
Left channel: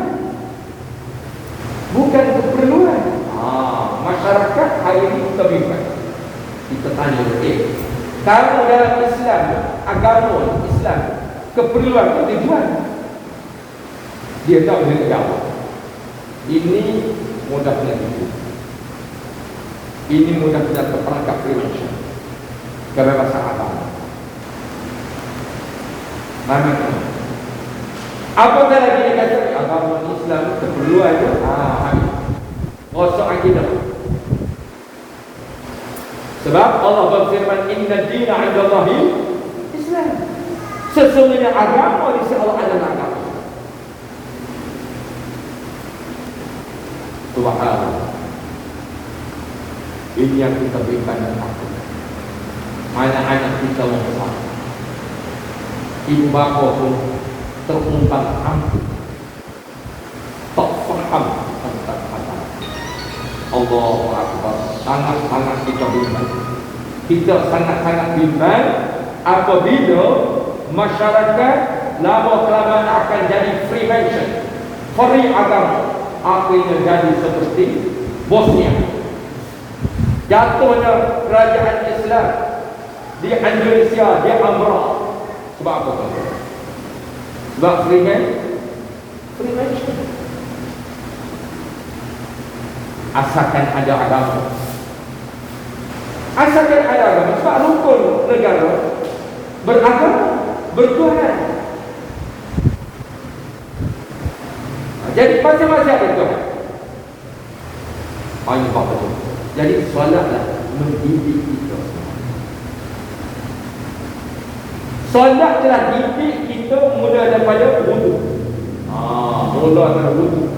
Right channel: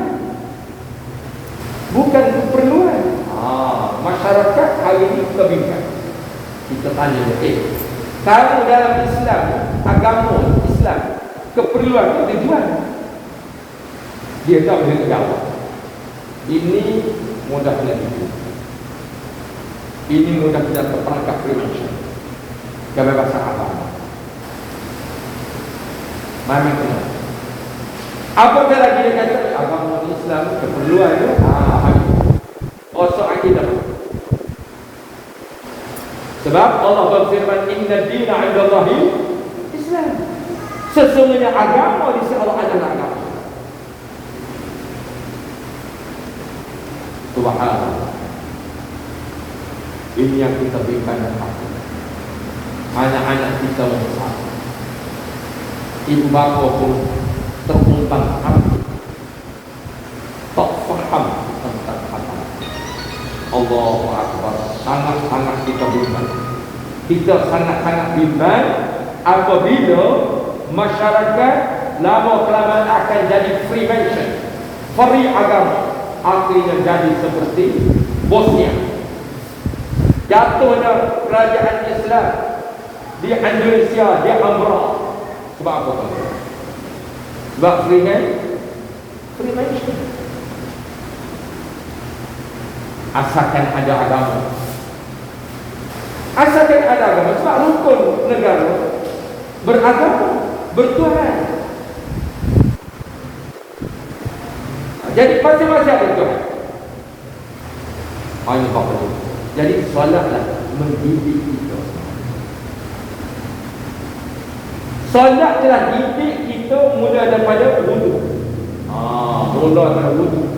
bukan keperluan. Masyarakat hari ini kita bimbang. Kita tanya, kalau dalam Islam, agama Islam, keperluan atau tujuan? Dia tak boleh jawab. Ini mudah belajar. Ini mudah belajar terperangkap prevention. Kebebasan agama. Namanya apabila lagi dia kata agama Islam keperluan dia, rosak akidah. Sebab Allah berfirman, inna dina 'inda Allahi Islam. Sesungguhnya agama di sisi Allah adalah agama. Tuhan, ini yang kita berikan anak-anak kita besar. Ibu bapa pun terungkap hati, tak faham tentang apa. Allahu Akbar. Sangat-sangat kita bimbang. Kita sangat-sangat bimbang apabila masyarakat lama-kelamaan akan jadi free mention, free agama, akhirnya jadi seperti Bosnia. Jatuhnya kerajaan Islam di Indonesia, di Amra. Sebab apa? Sebab free mention. Asalkan ada agama. Asalkan ada agama. Sebab rukun negara beragama, bertuhan. Jadi masing-masing ada Tuhan. Banyak betul. Jadi solatlah mendidik kita. Solat telah didik kita mula daripada wudu. Mula daripada wudu.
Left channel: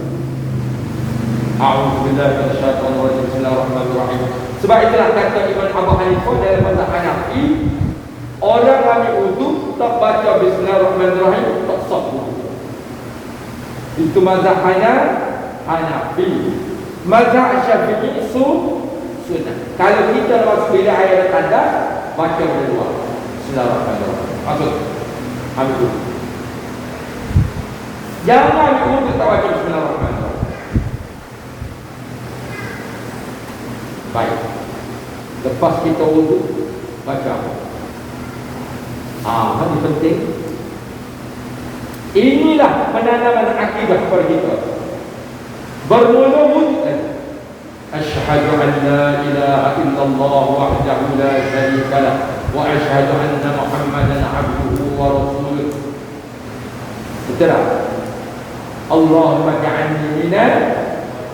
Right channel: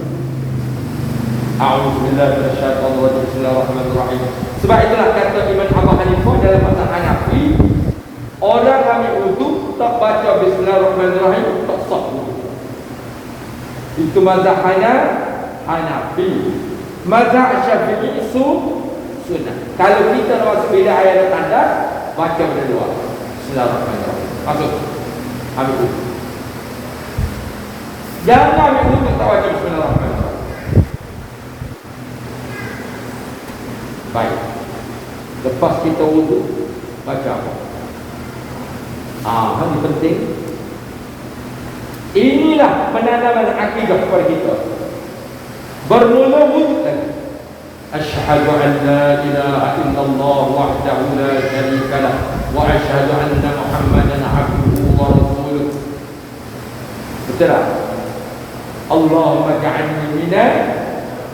A'udzubillahi minasyaitonir rajim. Bismillahirrahmanirrahim. Sebab itulah kata Imam Abu Hanifah dalam mazhab Hanafi, orang ambil wudu tak baca Bismillahirrahmanirrahim tak sah wudu. Itu mazhab Hanafi. Mazhab Syafi'i sunnah. Kalau kita nak pilih ayat tanda, baca berdua Bismillahirrahmanirrahim. Maksud ambil wudu. Jangan ambil wudu tak baca Bismillahirrahmanirrahim. Baik. Lepas kita wudu, baca apa? Ini penting. Inilah penanaman akidah kepada kita. Bermula wudu. Asyhadu an la ilaha illallah wahdahu la syarika lah wa asyhadu anna Muhammadan abduhu wa rasuluh. Betul tak? Allahumma ja'alni minal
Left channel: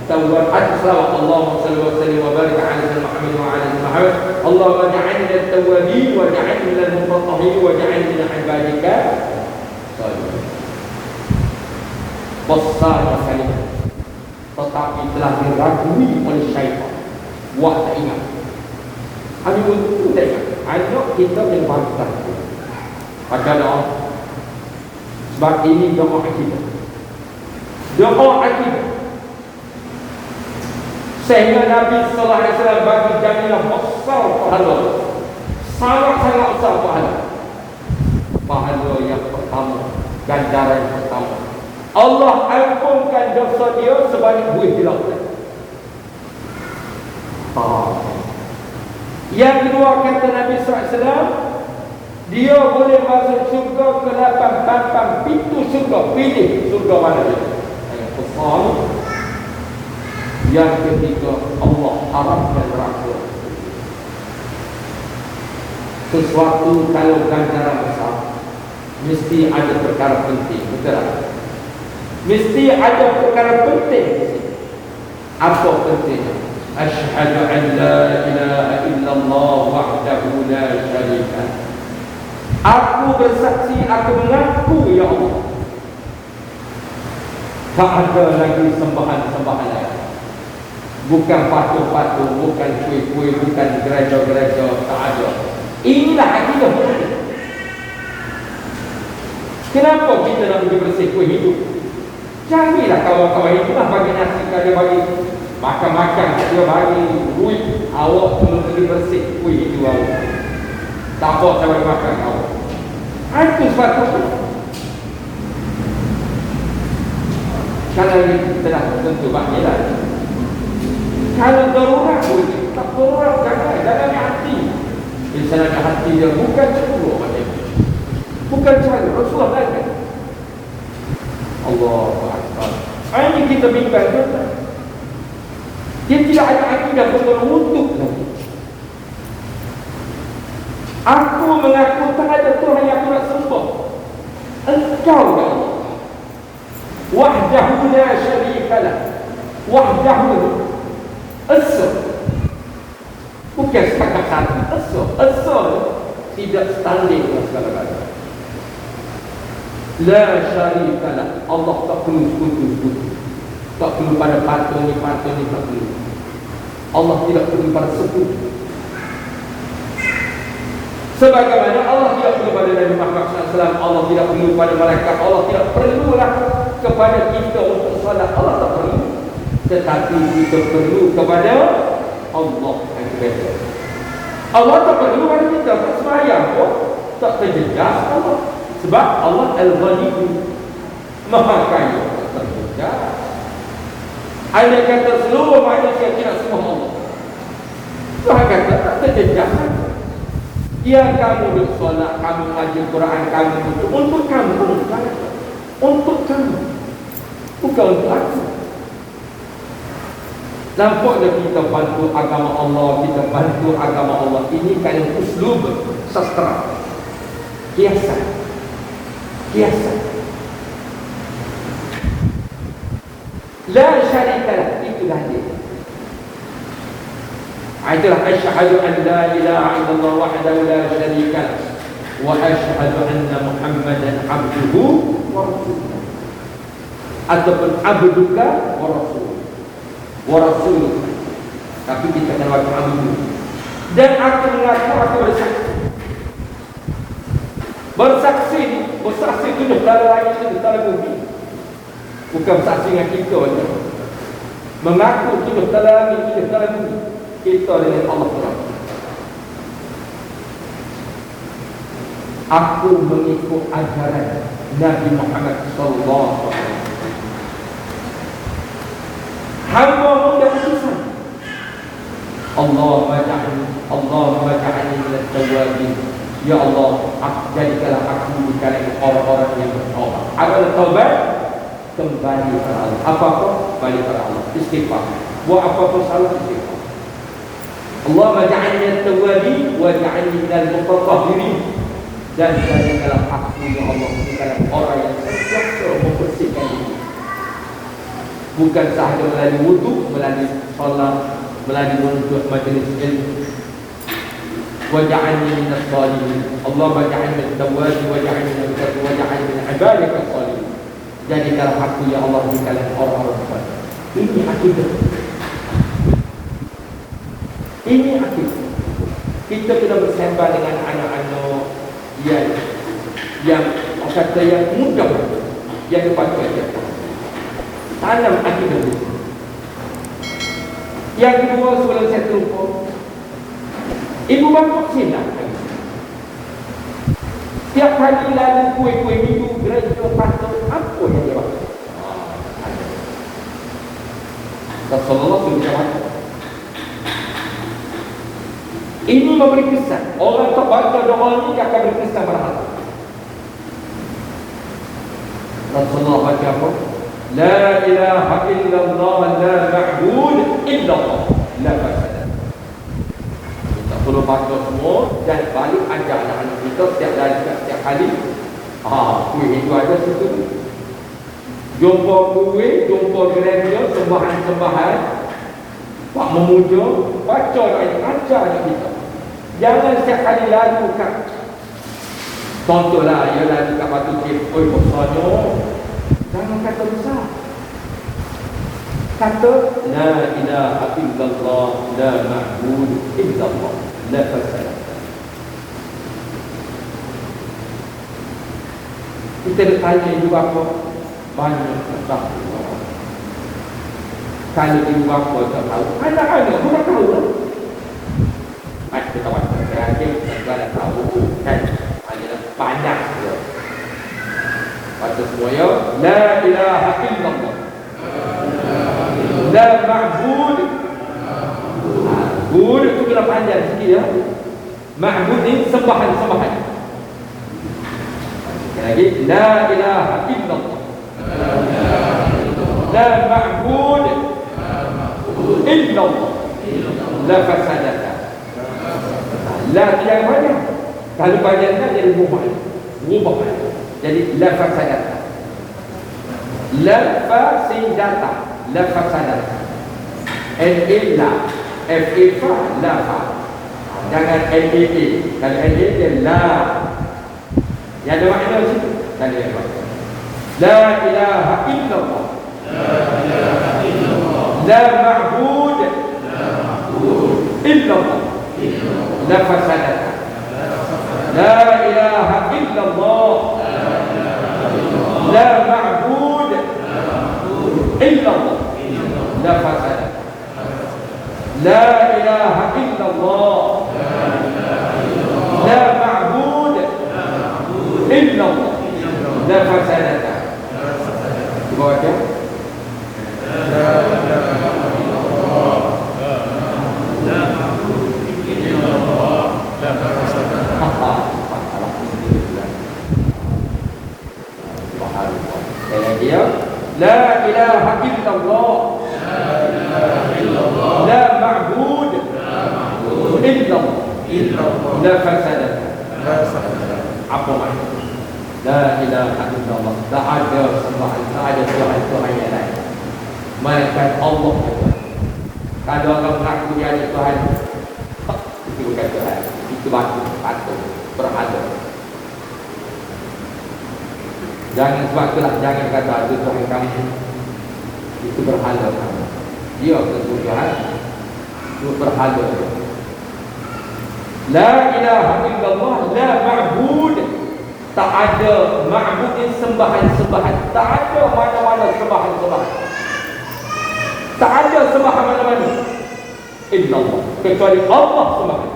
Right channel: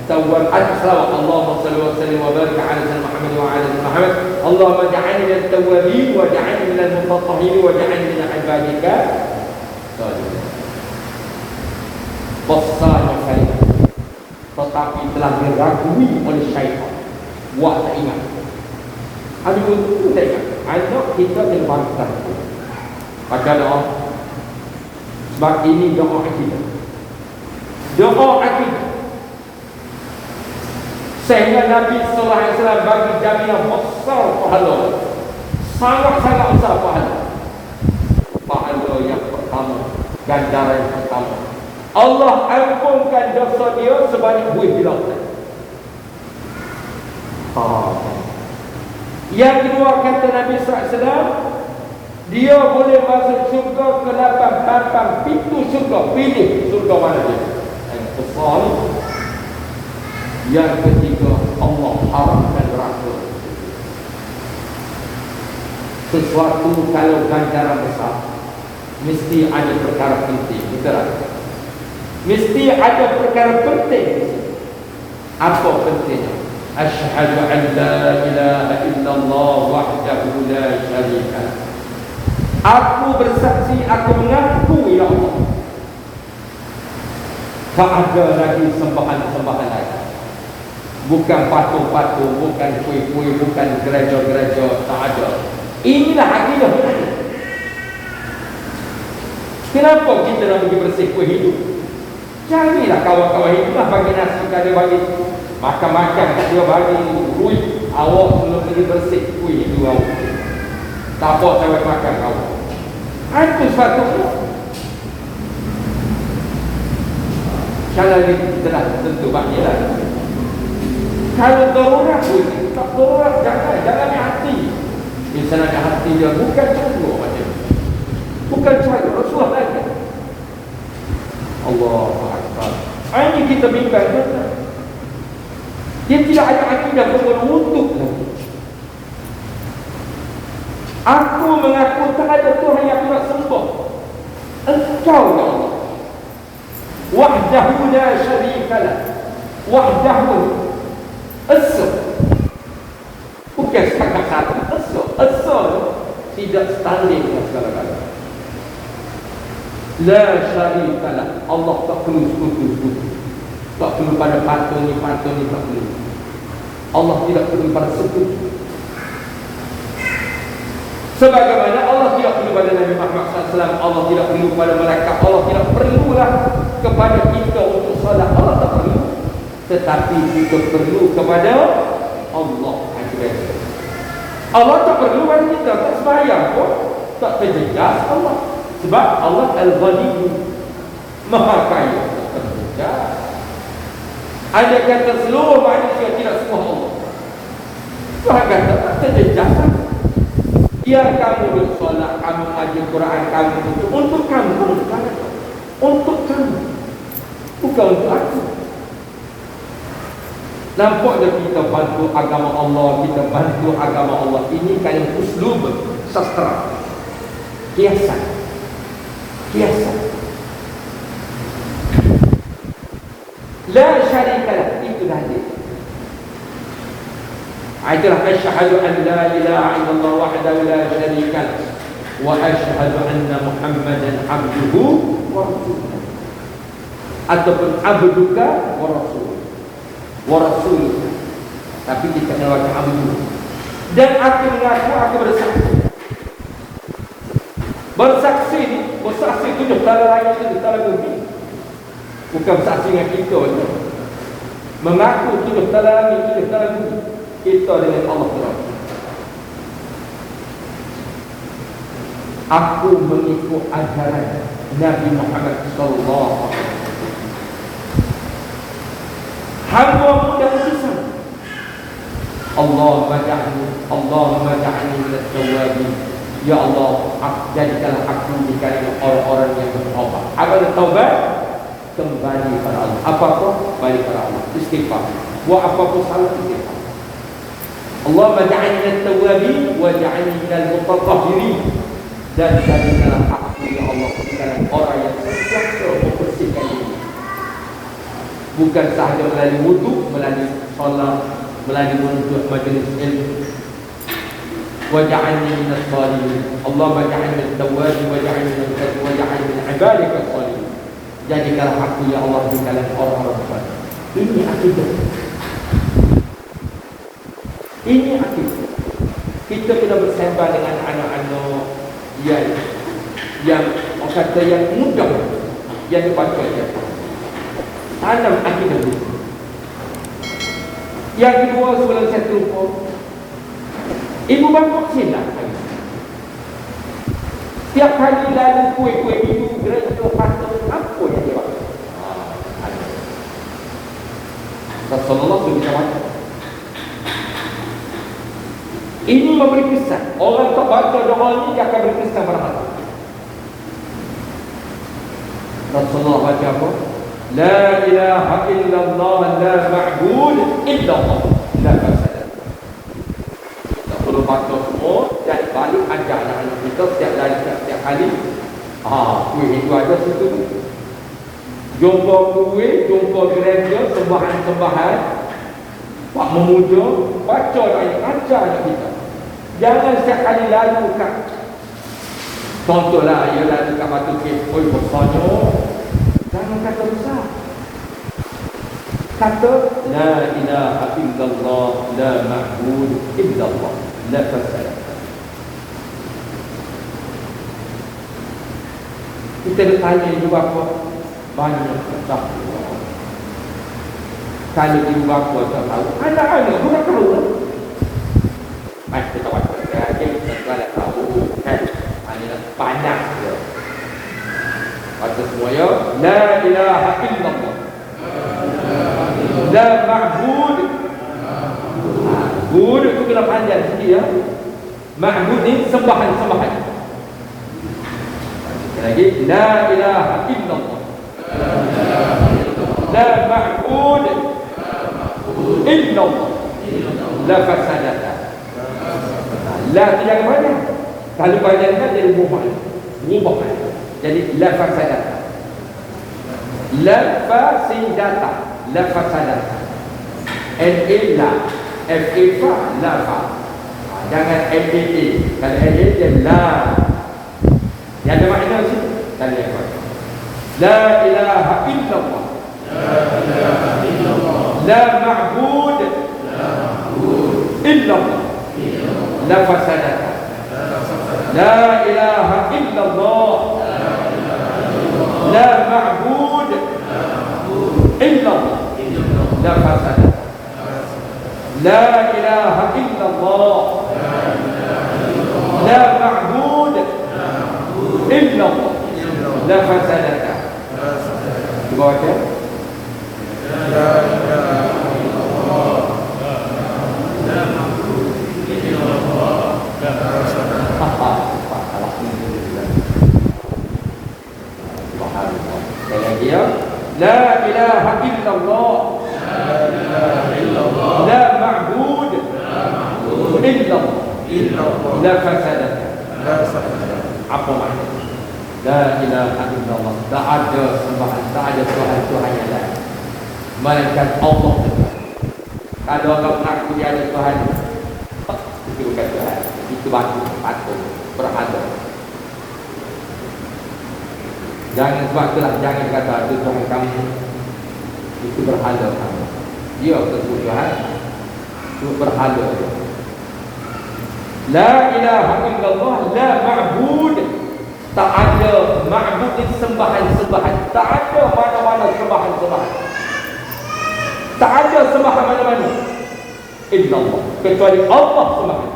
tawwab. Allahumma salli wa sallim wa barik ala sayyidina Muhammad wa ala ali Muhammad. Allahumma ja'alni minat tawwabin wa ja'alni minal mutatahhirin wa ja'alni min ibadika salihin. Besar sekali. Tetapi telah diragui oleh syaitan. Wah, tak ingat. Habis itu tak ingat. Anak kita yang bangsa. Maka doa. Sebab ini doa akidah. Doa akidah. Sehingga Nabi sallallahu alaihi wasallam bagi jamiah besar pahala. Sangat-sangat besar pahala. Pahala yang pertama, ganjaran yang pertama, Allah ampunkan dosa dia sebanyak 2 juta. Yang kedua kata Nabi SAW, dia boleh masuk surga ke 8 pintu surga. Pilih surga mana dia. Yang besar. Yang ketiga, Allah haramkan neraka. Sesuatu kalau ganjaran besar, mesti ada perkara penting. Betul tak? Mesti ada perkara penting. Apa pentingnya? Asyhadu an la ilaha illallah wahdahu la syarika lah. Aku bersaksi, aku mengaku ya Allah, tak ada lagi sembahan-sembahan lain. Bukan patung-patung, bukan kuih-kuih, bukan gereja-gereja, tak ada. Inilah akidah kita. Kenapa kita nak pergi bersih kuih hidup? Janganlah kawan-kawan itulah bagi nasi, kalau bagi makan-makan, dia bagi duit, awak semua pergi bersih kuih hidup awak. Tak apa saya makan awak. Itu satu. Kalau ini kita dah tentu bahagilah. Kalau darurat pun, tak darurat, jangan hati. Misalnya hati dia bukan cakap macam, bukan cakap Rasulullah lagi. Allahu Akbar. Ini kita bimbang kita. Dia tidak ada akidah untuk aku mengaku tak ada Tuhan yang aku nak sembah. Engkau ya Allah. Wahdahu la syarika lah. Wahdahu Esa. Bukan sekadar-kadar Esa tidak standing dengan segala-galanya. La syarika lah. Allah tak perlu sekutu. Tak perlu pada patung ni tak perlu. Allah tidak perlu pada sekutu. Sebagaimana Allah tidak perlu pada Nabi Muhammad SAW, Allah tidak perlu pada malaikat, Allah tidak perlulah kepada kita untuk solat, Allah tak perlu. Tetapi kita perlu kepada Allah. Allah tak perlu pada kita, tak sembahyang pun, tak terjejas Allah. Sebab Allah Al-Ghani, Maha Kaya, tak terjejas. Ada kata seluruh manusia tidak semua Allah. Tuhan kata tak terjejas. Ya kamu bersolat, kamu mengaji Quran, kamu untuk kamu, untuk kamu, bukan untuk aku. Nampaklah kita bantu agama Allah, kita bantu agama Allah. Ini kan uslub sastra, kiasan. La syarika lah, itulah dia. Itulah asyhadu an la ilaha illallah wahdahu la syarika lah wa asyhadu anna Muhammadan abduhu wa rasuluh. Ataupun abduka wa rasuluh. Tapi kita mengaku abdu. Dan aku mengaku aku bersaksi ni, bersaksi itu tak lain itu tak bumi. Bukan bersaksi dengan kita. Mengaku itu tak lain itu tak bumi. Kita dengan Allah. Aku mengikut ajaran Nabi Muhammad SAW. Hamba muda susah. Allahumma ja'alni minat tawabin. Ya Allah, jadikanlah aku di kalangan orang-orang yang bertaubat. Agar taubat kembali kepada Allah. Apa-apa kembali kepada Allah. Istighfar. Buat apa-apa salah istighfar. Allahumma ja'alni minat tawabin wa ja'alni minal mutatahhirin. Dan jadikanlah aku ya Allah di kalangan orang yang sentiasa membersihkan diri. Bukan sahaja melalui wuduk, melalui solat, melalui wuduk majlis ilmu. Waj'alni minas salihin. Allahumma ja'alni minat tawabin waj'alni min ibadika salihin. Jadikanlah aku ya Allah di kalangan orang-orang saleh. Ini akidah. Ini akidah. Kita kena bersama dengan anak-anak yang kata yang mudah, yang dipakai. Tanam akidah. Yang kedua sebelum saya tumpah, ibu bapa silap. Setiap kali lalu kuih-kuih ibu gerak patut apa yang dia buat? Rasulullah SAW Ini memberi kesan. Orang terbaca doa ini dia akan beri kesan pada hati. Rasulullah baca apa? La ilaha illallah la ma'bud illallah la fasadat. Kita perlu baca semua dan balik ajar anak-anak kita setiap kali. Itu aja situ. Jumpa duit, jumpa gereja, sembahan-sembahan, pak memuja, baca lagi, ajar anak kita. Jangan setiap kali lakukan. Contohlah, you lakukan batu kepul bersama. Jangan kata besar. Kata, La ilaha illallah, la ma'bud illallah, la fasadat. Kita tanya ibu bapa banyak tak. Kalau ibu bapa tak tahu, anak-anak pun tak tahu. Kita tahu, saya ada tahu kan. Hanya banyak dia. Kata semuanya, La ilaha illallah, la ma'bud. Ma'bud itu kena panjang sikit ya. Ma'bud ni sembahan-sembahan. Lagi, La ilaha illallah, la ma'bud illallah, la fasadat. La yang mana? Kalau bahagiannya jadi mubah. Jadi la fasadat. La fasidata, la fasadat. Illa, F-I-F-A, la fa. Jangan L-E-E. Kalau L-E dia la. Yang ada makna situ. Tadi apa? La ilaha illallah, la ma'bud illallah, la fasadat. La ilaha illallah, la ma'bud illallah, la fasadat. La ilaha illallah, la ma'bud illallah, la fasadat. Cuba baca. La ilaha illallah, la ma'bud illallah, la fasadat. Dia la ilaha illallah, la ma'bud illallah, la fasadat. Apa makna? La ilaha illallah, tak ada sembahan, tak ada Tuhan yang lain melainkan Allah. Kalau orang mengaku dia ada Tuhan, itu bukan Tuhan, itu batu atau berada. Jangan sebab itulah, jangan kata itu Tuhan kami, itu berhala kami. Dia bertujuan, itu berhala. La ilaha illallah, la ma'bud. Tak ada ma'bud sembahan-sembahan. Tak ada mana-mana sembahan-sembahan. Tak ada sembahan mana-mana illallah, kecuali Allah sembahan.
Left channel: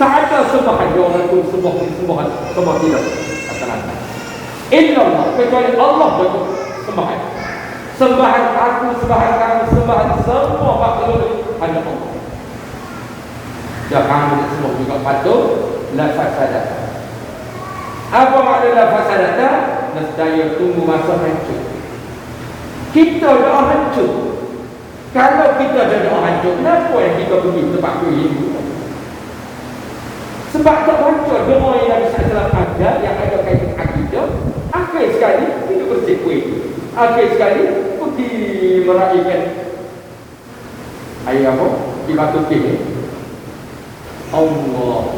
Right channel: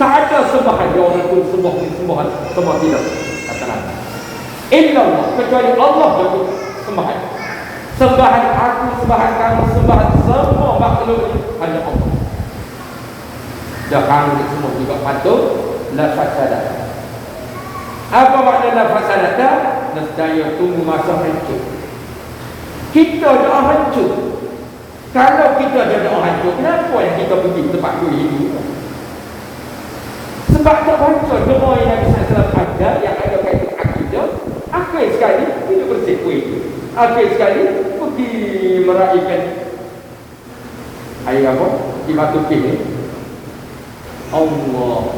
Tak ada sembahan orang itu sembahan dia. Illallah, kecuali Allah itu sembahan. Sembahan aku, sembahan kamu, sembahan semua makhluk hanya Allah. Dan kamu semua juga patut la fasadat. Apa makna la fasadat? Nescaya tunggu masa hancur. Kita dah hancur. Kalau kita dah hancur, kenapa yang kita pergi tempat ini? Sebab tak hancur doa yang salah ada, yang ada kaitan akidah. Akhir sekali kita bersekuih. Akhir sekali pergi meraihkan air apa? Di batu kini. Allah.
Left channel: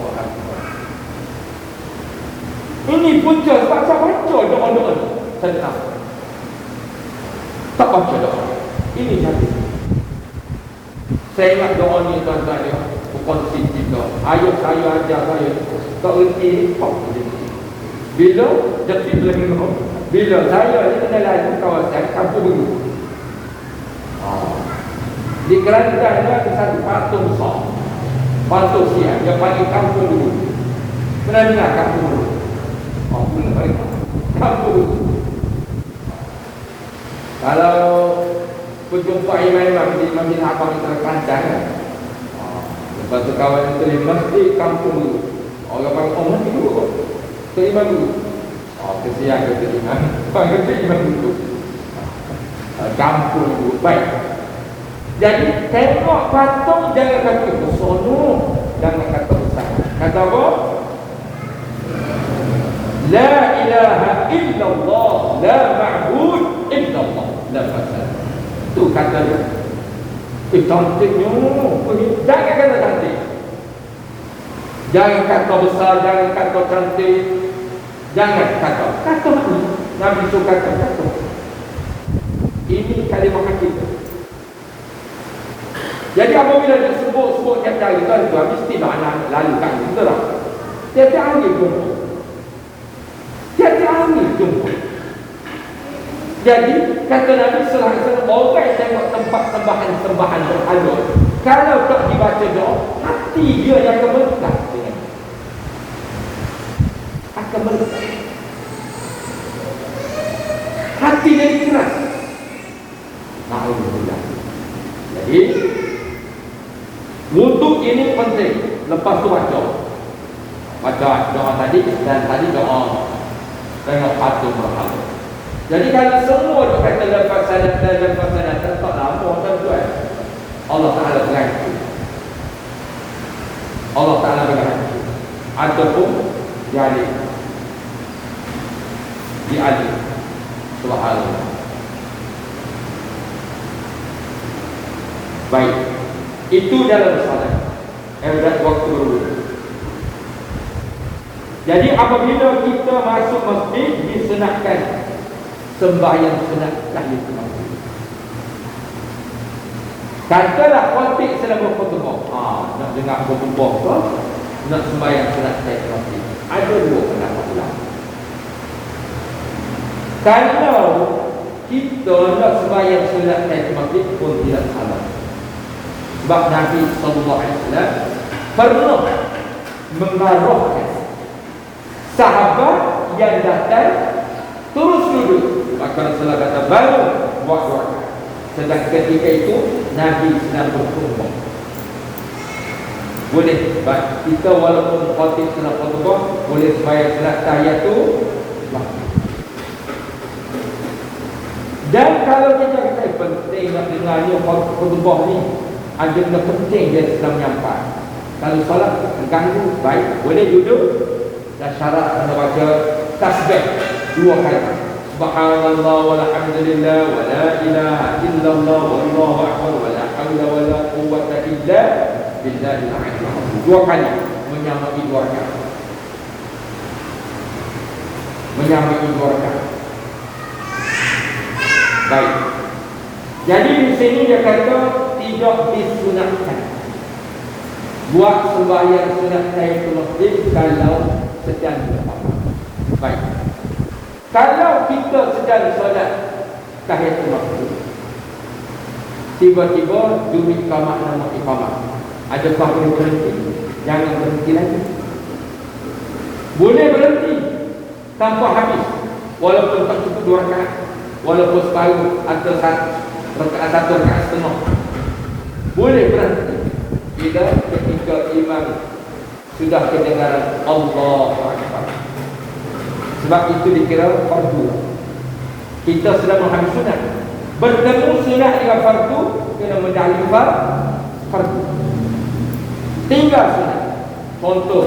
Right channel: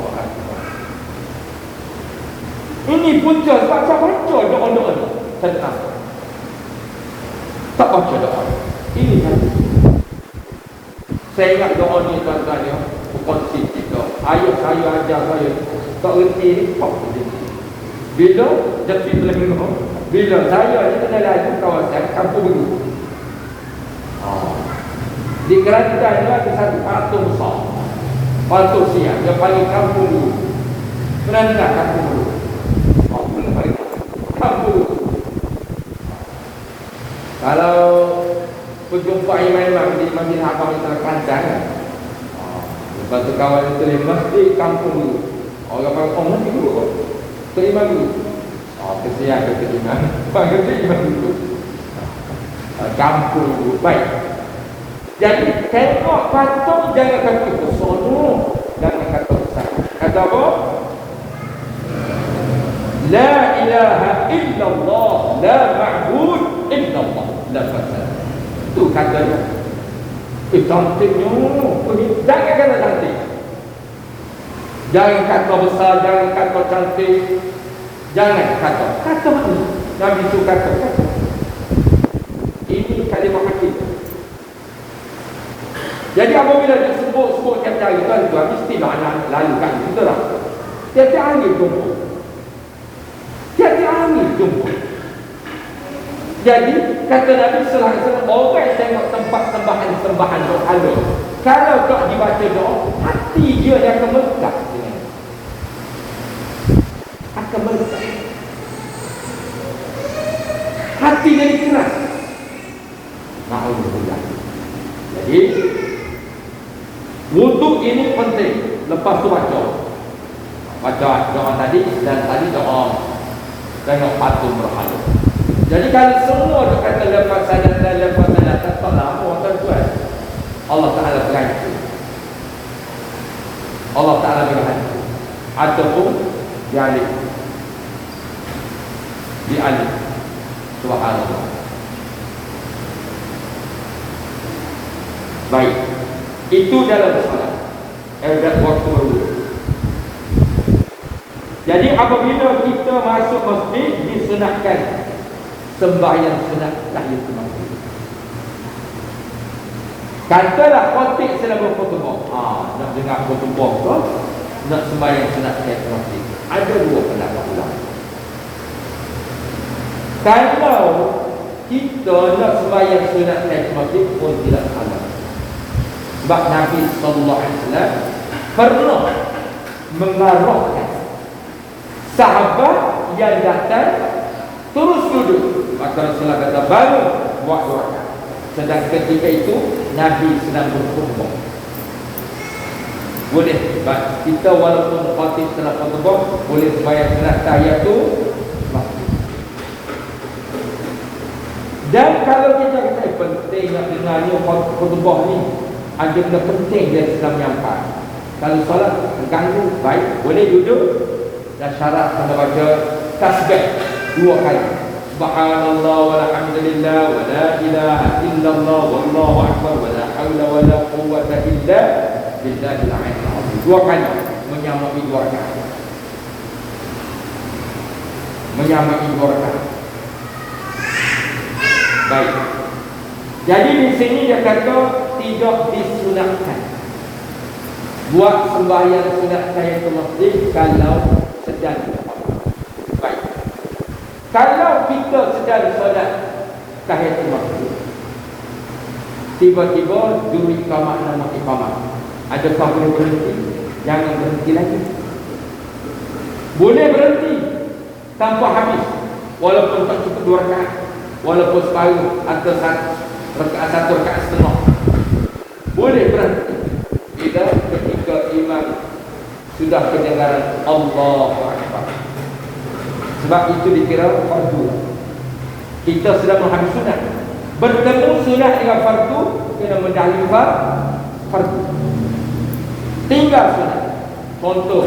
Ini punca sebab saya baca doa-doa tentang tak baca doa. Ini jadi. Saya ingat doa ni tuan-tuan ya, bukan kita. Ayah saya ajar saya berhenti ni kau. Bila jadi lagi bila saya ada lagi kawasan kampung ini. Di Kelantan ada satu patung besar. Patung siap, dia panggil kampung dulu. Pernah dengar kampung dulu? Aku paling kampung. Kalau jumpa imam di masjid Haram terkandang. Lepas tu kawan itu yang mesti kampung dulu. Orang kampung mesti dulu. Ke imam dulu. Kesian ke imam. Panggil imam dulu. Kampung dulu. Baik. Jadi tengok patung jangan kata bersono dan kata besar. Kata apa? La ilaha illallah, la ma'bud illallah. La ilaha. Itu kata. Cantiknya. Jangan kata cantik. Jangan kata besar, jangan kata cantik. Jangan kata. Kata mana? Nabi suka kata. Ini kalimah hakikat. Jadi apabila dia sebut kata itu juga mesti makna lalu kan, betul tak? Tiada angin pun. Tiada angin pun. Jadi kata Nabi selama orang tengok tempat sembahan Allah. Kalau tak dibaca doa, hati dia yang gemetar. Akan gemetar. Hati dia keras. Alhamdulillah. Jadi wuduk ini penting. Lepas tu baca doa tadi dan tadi doa tengok patung berhala. Jadi kalau semua tu kata lepas salat tanpa nama tuan-tuan, Allah Ta'ala berhati. Allah Ta'ala berhati. Ataupun dialih. Subhanallah. Baik. Itu dalam salat. Dah waktu dulu. Jadi apabila kita masuk masjid, disunatkan sembahyang sunat tahiyatul masjid. Katalah khatib sedang berkhutbah. Nak dengar khutbah apa? Nak sembahyang sunat tahiyatul masjid. Ada dua pendapat ulama. Kalau kita nak sembahyang sunat tahiyatul masjid pun tidak salah. Sebab Nabi SAW pernah mengarahkan sahabat yang datang terus duduk. Maka Rasulullah kata baru buat waktu. Sedang ketika itu Nabi sedang berkhutbah. Boleh sebab kita walaupun khatib sedang berkhutbah, boleh sembahyang sunat tahiyatul masjid. Dan kalau kita kata penting nak dengarnya khutbah ni, ada benda penting dia sedang menyampaikan. Kalau salah mengganggu, baik boleh duduk dan syarat anda baca tasbih 2 kali. Subhanallah walhamdulillah wa la ilaha illallah wallahu akbar wa la haula wa la quwwata illa billahil aliyyil azim. 2 kali menyamai 2 rakaat. Menyamai 2 rakaat. Baik. Jadi di sini dia kata tidak disunatkan buat sembahyang sunat tahiyatul masjid kalau sedang berkhutbah. Baik. Kalau kita sedang solat tahiyatul masjid, tiba-tiba bunyi iqamah nama iqamah, adakah boleh berhenti? Jangan berhenti lagi. Boleh berhenti tanpa habis, walaupun tak cukup 2 rakaat, walaupun separuh atau 1 rakaat setengah. Boleh berhenti bila ketika imam sudah kedengaran Allahu Akbar. Sebab itu dikira fardu. Kita sedang menghabis sunat. Bertemu sunat dengan fardu, kena mendahului fardu. Tinggal sunat. Contoh,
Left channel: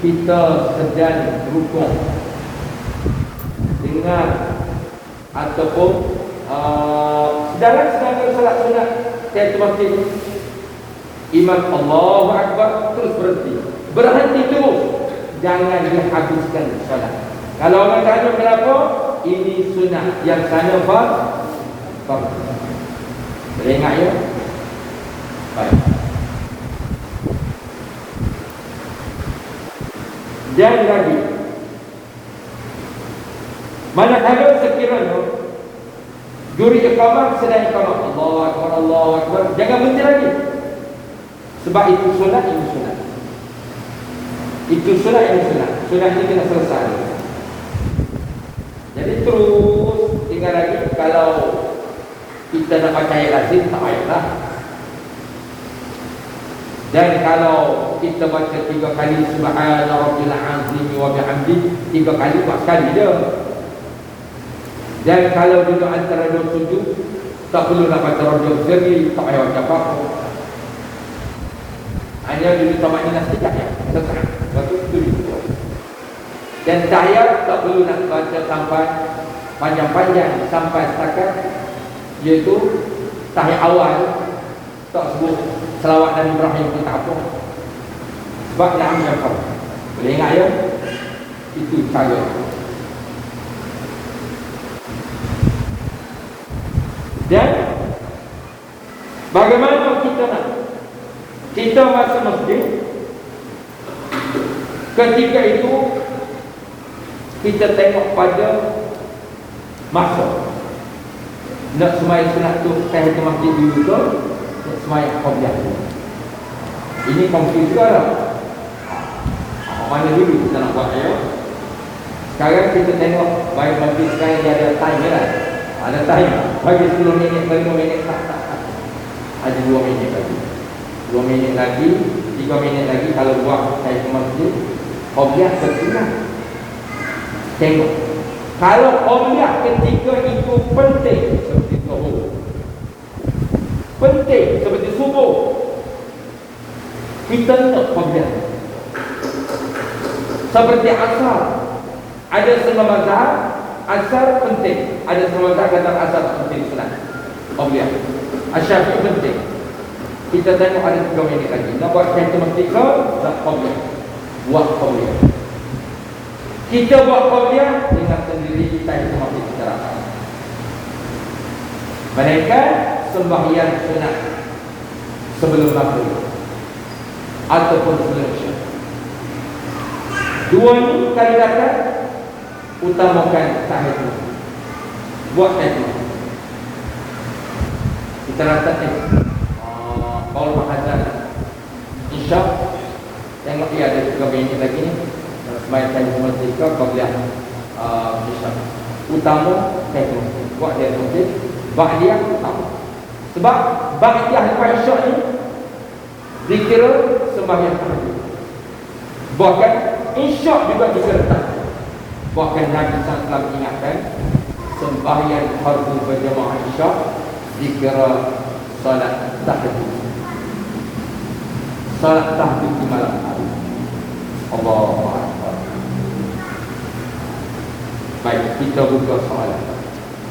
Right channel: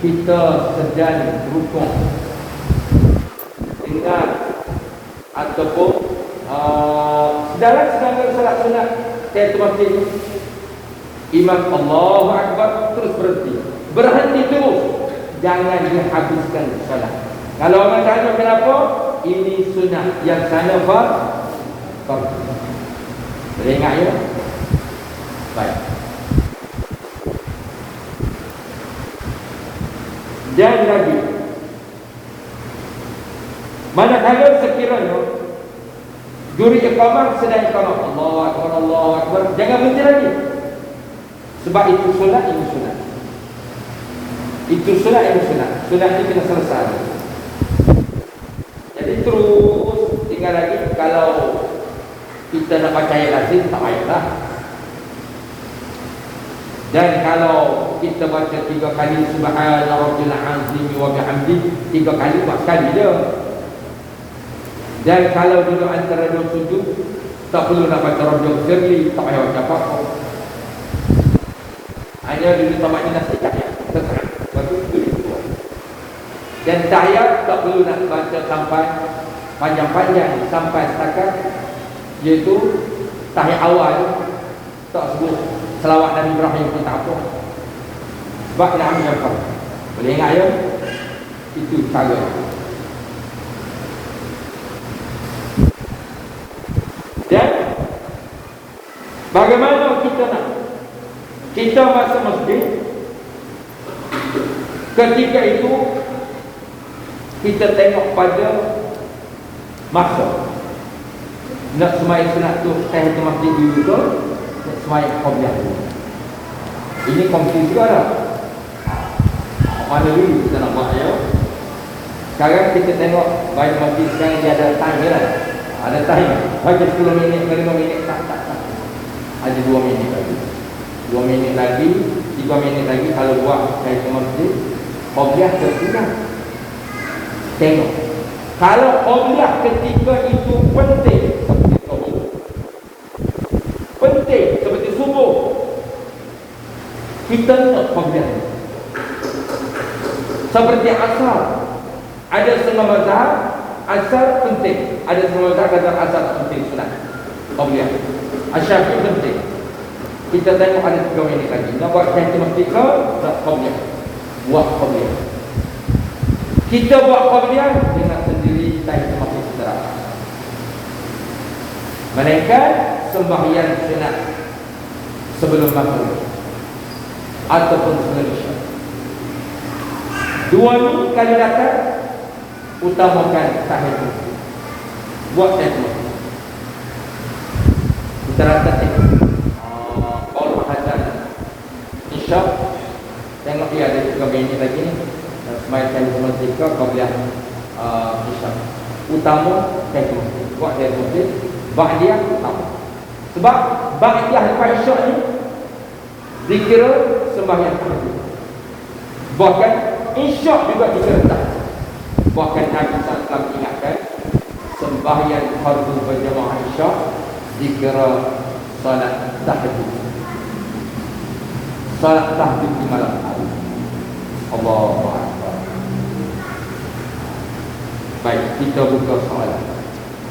kita sedang rukuk dengar ataupun sedang solat sunat tahiyatul masjid, imam Allahu Akbar terus berhenti terus, jangan dihabiskan salat. Kalau orang tanya kenapa, ini sunat, yang sana fardu. Ingat ya. Baik. Dan lagi, manakala sekiranya juri iqamah sedang iqamah Allahu Akbar, Allahu Akbar, jangan berhenti lagi. Sebab itu sunat, ini sunat. Itu sunat, ini sunat. Sunat ini kena selesai. Jadi terus tinggal lagi kalau kita kita nak pakai lazim tak payahlah. Dan kalau kita baca 3 kali subhana rabbil azim wa bihamdi, 3 kali tak sekali je. Dan kalau duduk antara dua sujud, tak perlu nak baca rabbil jalil, tak payah baca apa-apa. Hanya dulu tamaknya sekejap ya, sekarang. Dan tahiyat tak perlu nak baca sampai panjang-panjang, sampai setakat iaitu tahiyat awal tak sebut selawat Nabi Ibrahim pun tak apa. Sebab nak ambil apa? Boleh ingat ya? Itu cara. Dan bagaimana kita nak? Kita masuk masjid, ketika itu kita tengok pada masa nak semai sunat tu saya ke masjid dulu ke semai qobliyah dulu. Ini konflik juga lah. Mana dulu kita nak buat ya. Sekarang kita tengok baik masjid sekarang dia ada time lah. Ada time bagi 10 minit, 5 minit tak. Ada 2 minit lagi, 2 minit lagi, 3 minit lagi. Kalau buat saya ke masjid qobliyah berkurang. Tengok, kalau qobliyah ketika itu penting seperti subuh, penting seperti subuh, kita nak qobliyah. Seperti asar, ada setengah mazhab asar penting, ada setengah mazhab kata asar penting sunat qobliyah. Asar penting. Kita tengok ada 3 minit lagi. Nak buat kereta mesti ke nak qobliyah, buat qobliyah. Kita buat qobliyah dengan sendiri tak masih kita. Mereka sembahyang sunat sebelum maghrib ataupun sebelum isyak. Dua ni kalau datang utamakan tahajud. Buat tahajud. Kita rasa kalau berkata isyak, tengok dia ada 3 minit lagi ni. Main sama sikap qobliyah isyak. Utama tahajud. Buat dia mungkin, buat dia utama. Sebab ba'diyah lepas isyak ni dikira sembahyang tahajud. Bahkan isyak juga disertai. Bahkan Nabi SAW ingatkan sembahyang fardu berjamaah isyak dikira salat tahajud. Salat tahajud di malam. Allah. Baik, kita buka soalan.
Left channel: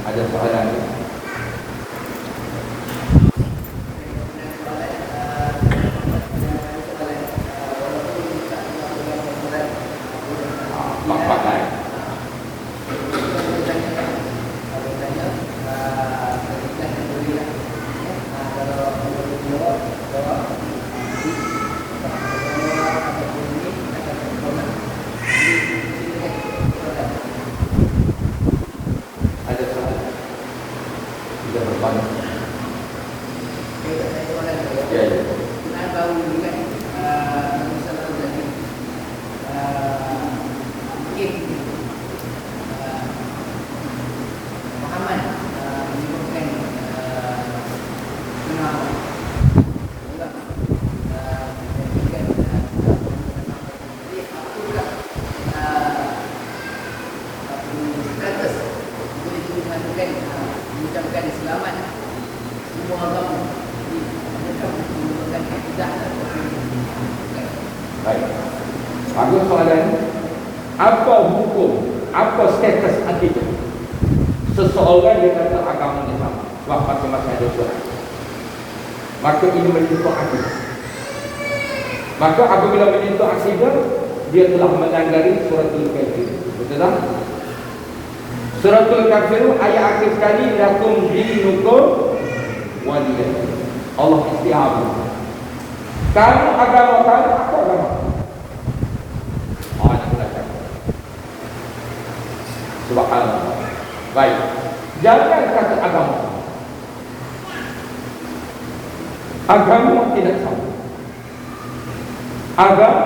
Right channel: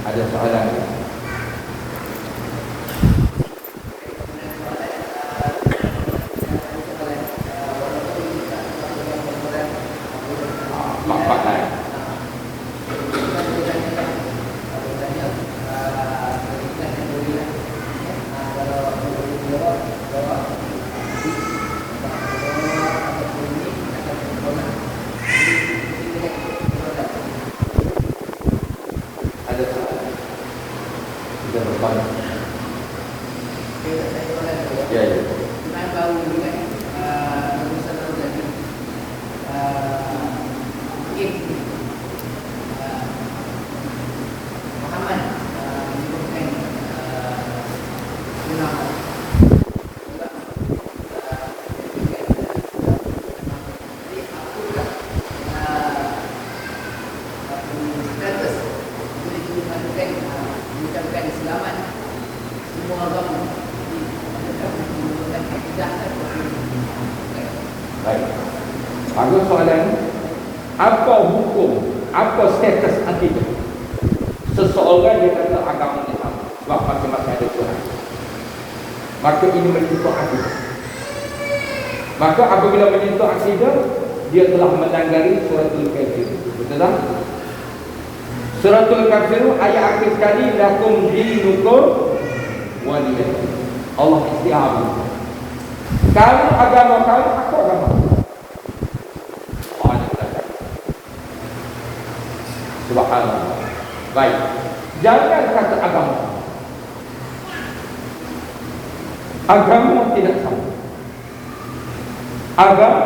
Ada soalan ni? Bagus soalan. Apa hukum, apa status akidah seseorang yang kata agama Islam waktu masa ada Tuhan, maka ini menyentuh akidah. Maka apabila menyentuh akidah, dia telah melanggar suratul kafir. Betul tak? Suratul kafir ayat akhir sekali, lakum dinukum waliyah. Allah isti'abah. Kamu agama kamu, apa agama? Subhanallah. Baik, jangan kata agama. Agama tidak sama. Agama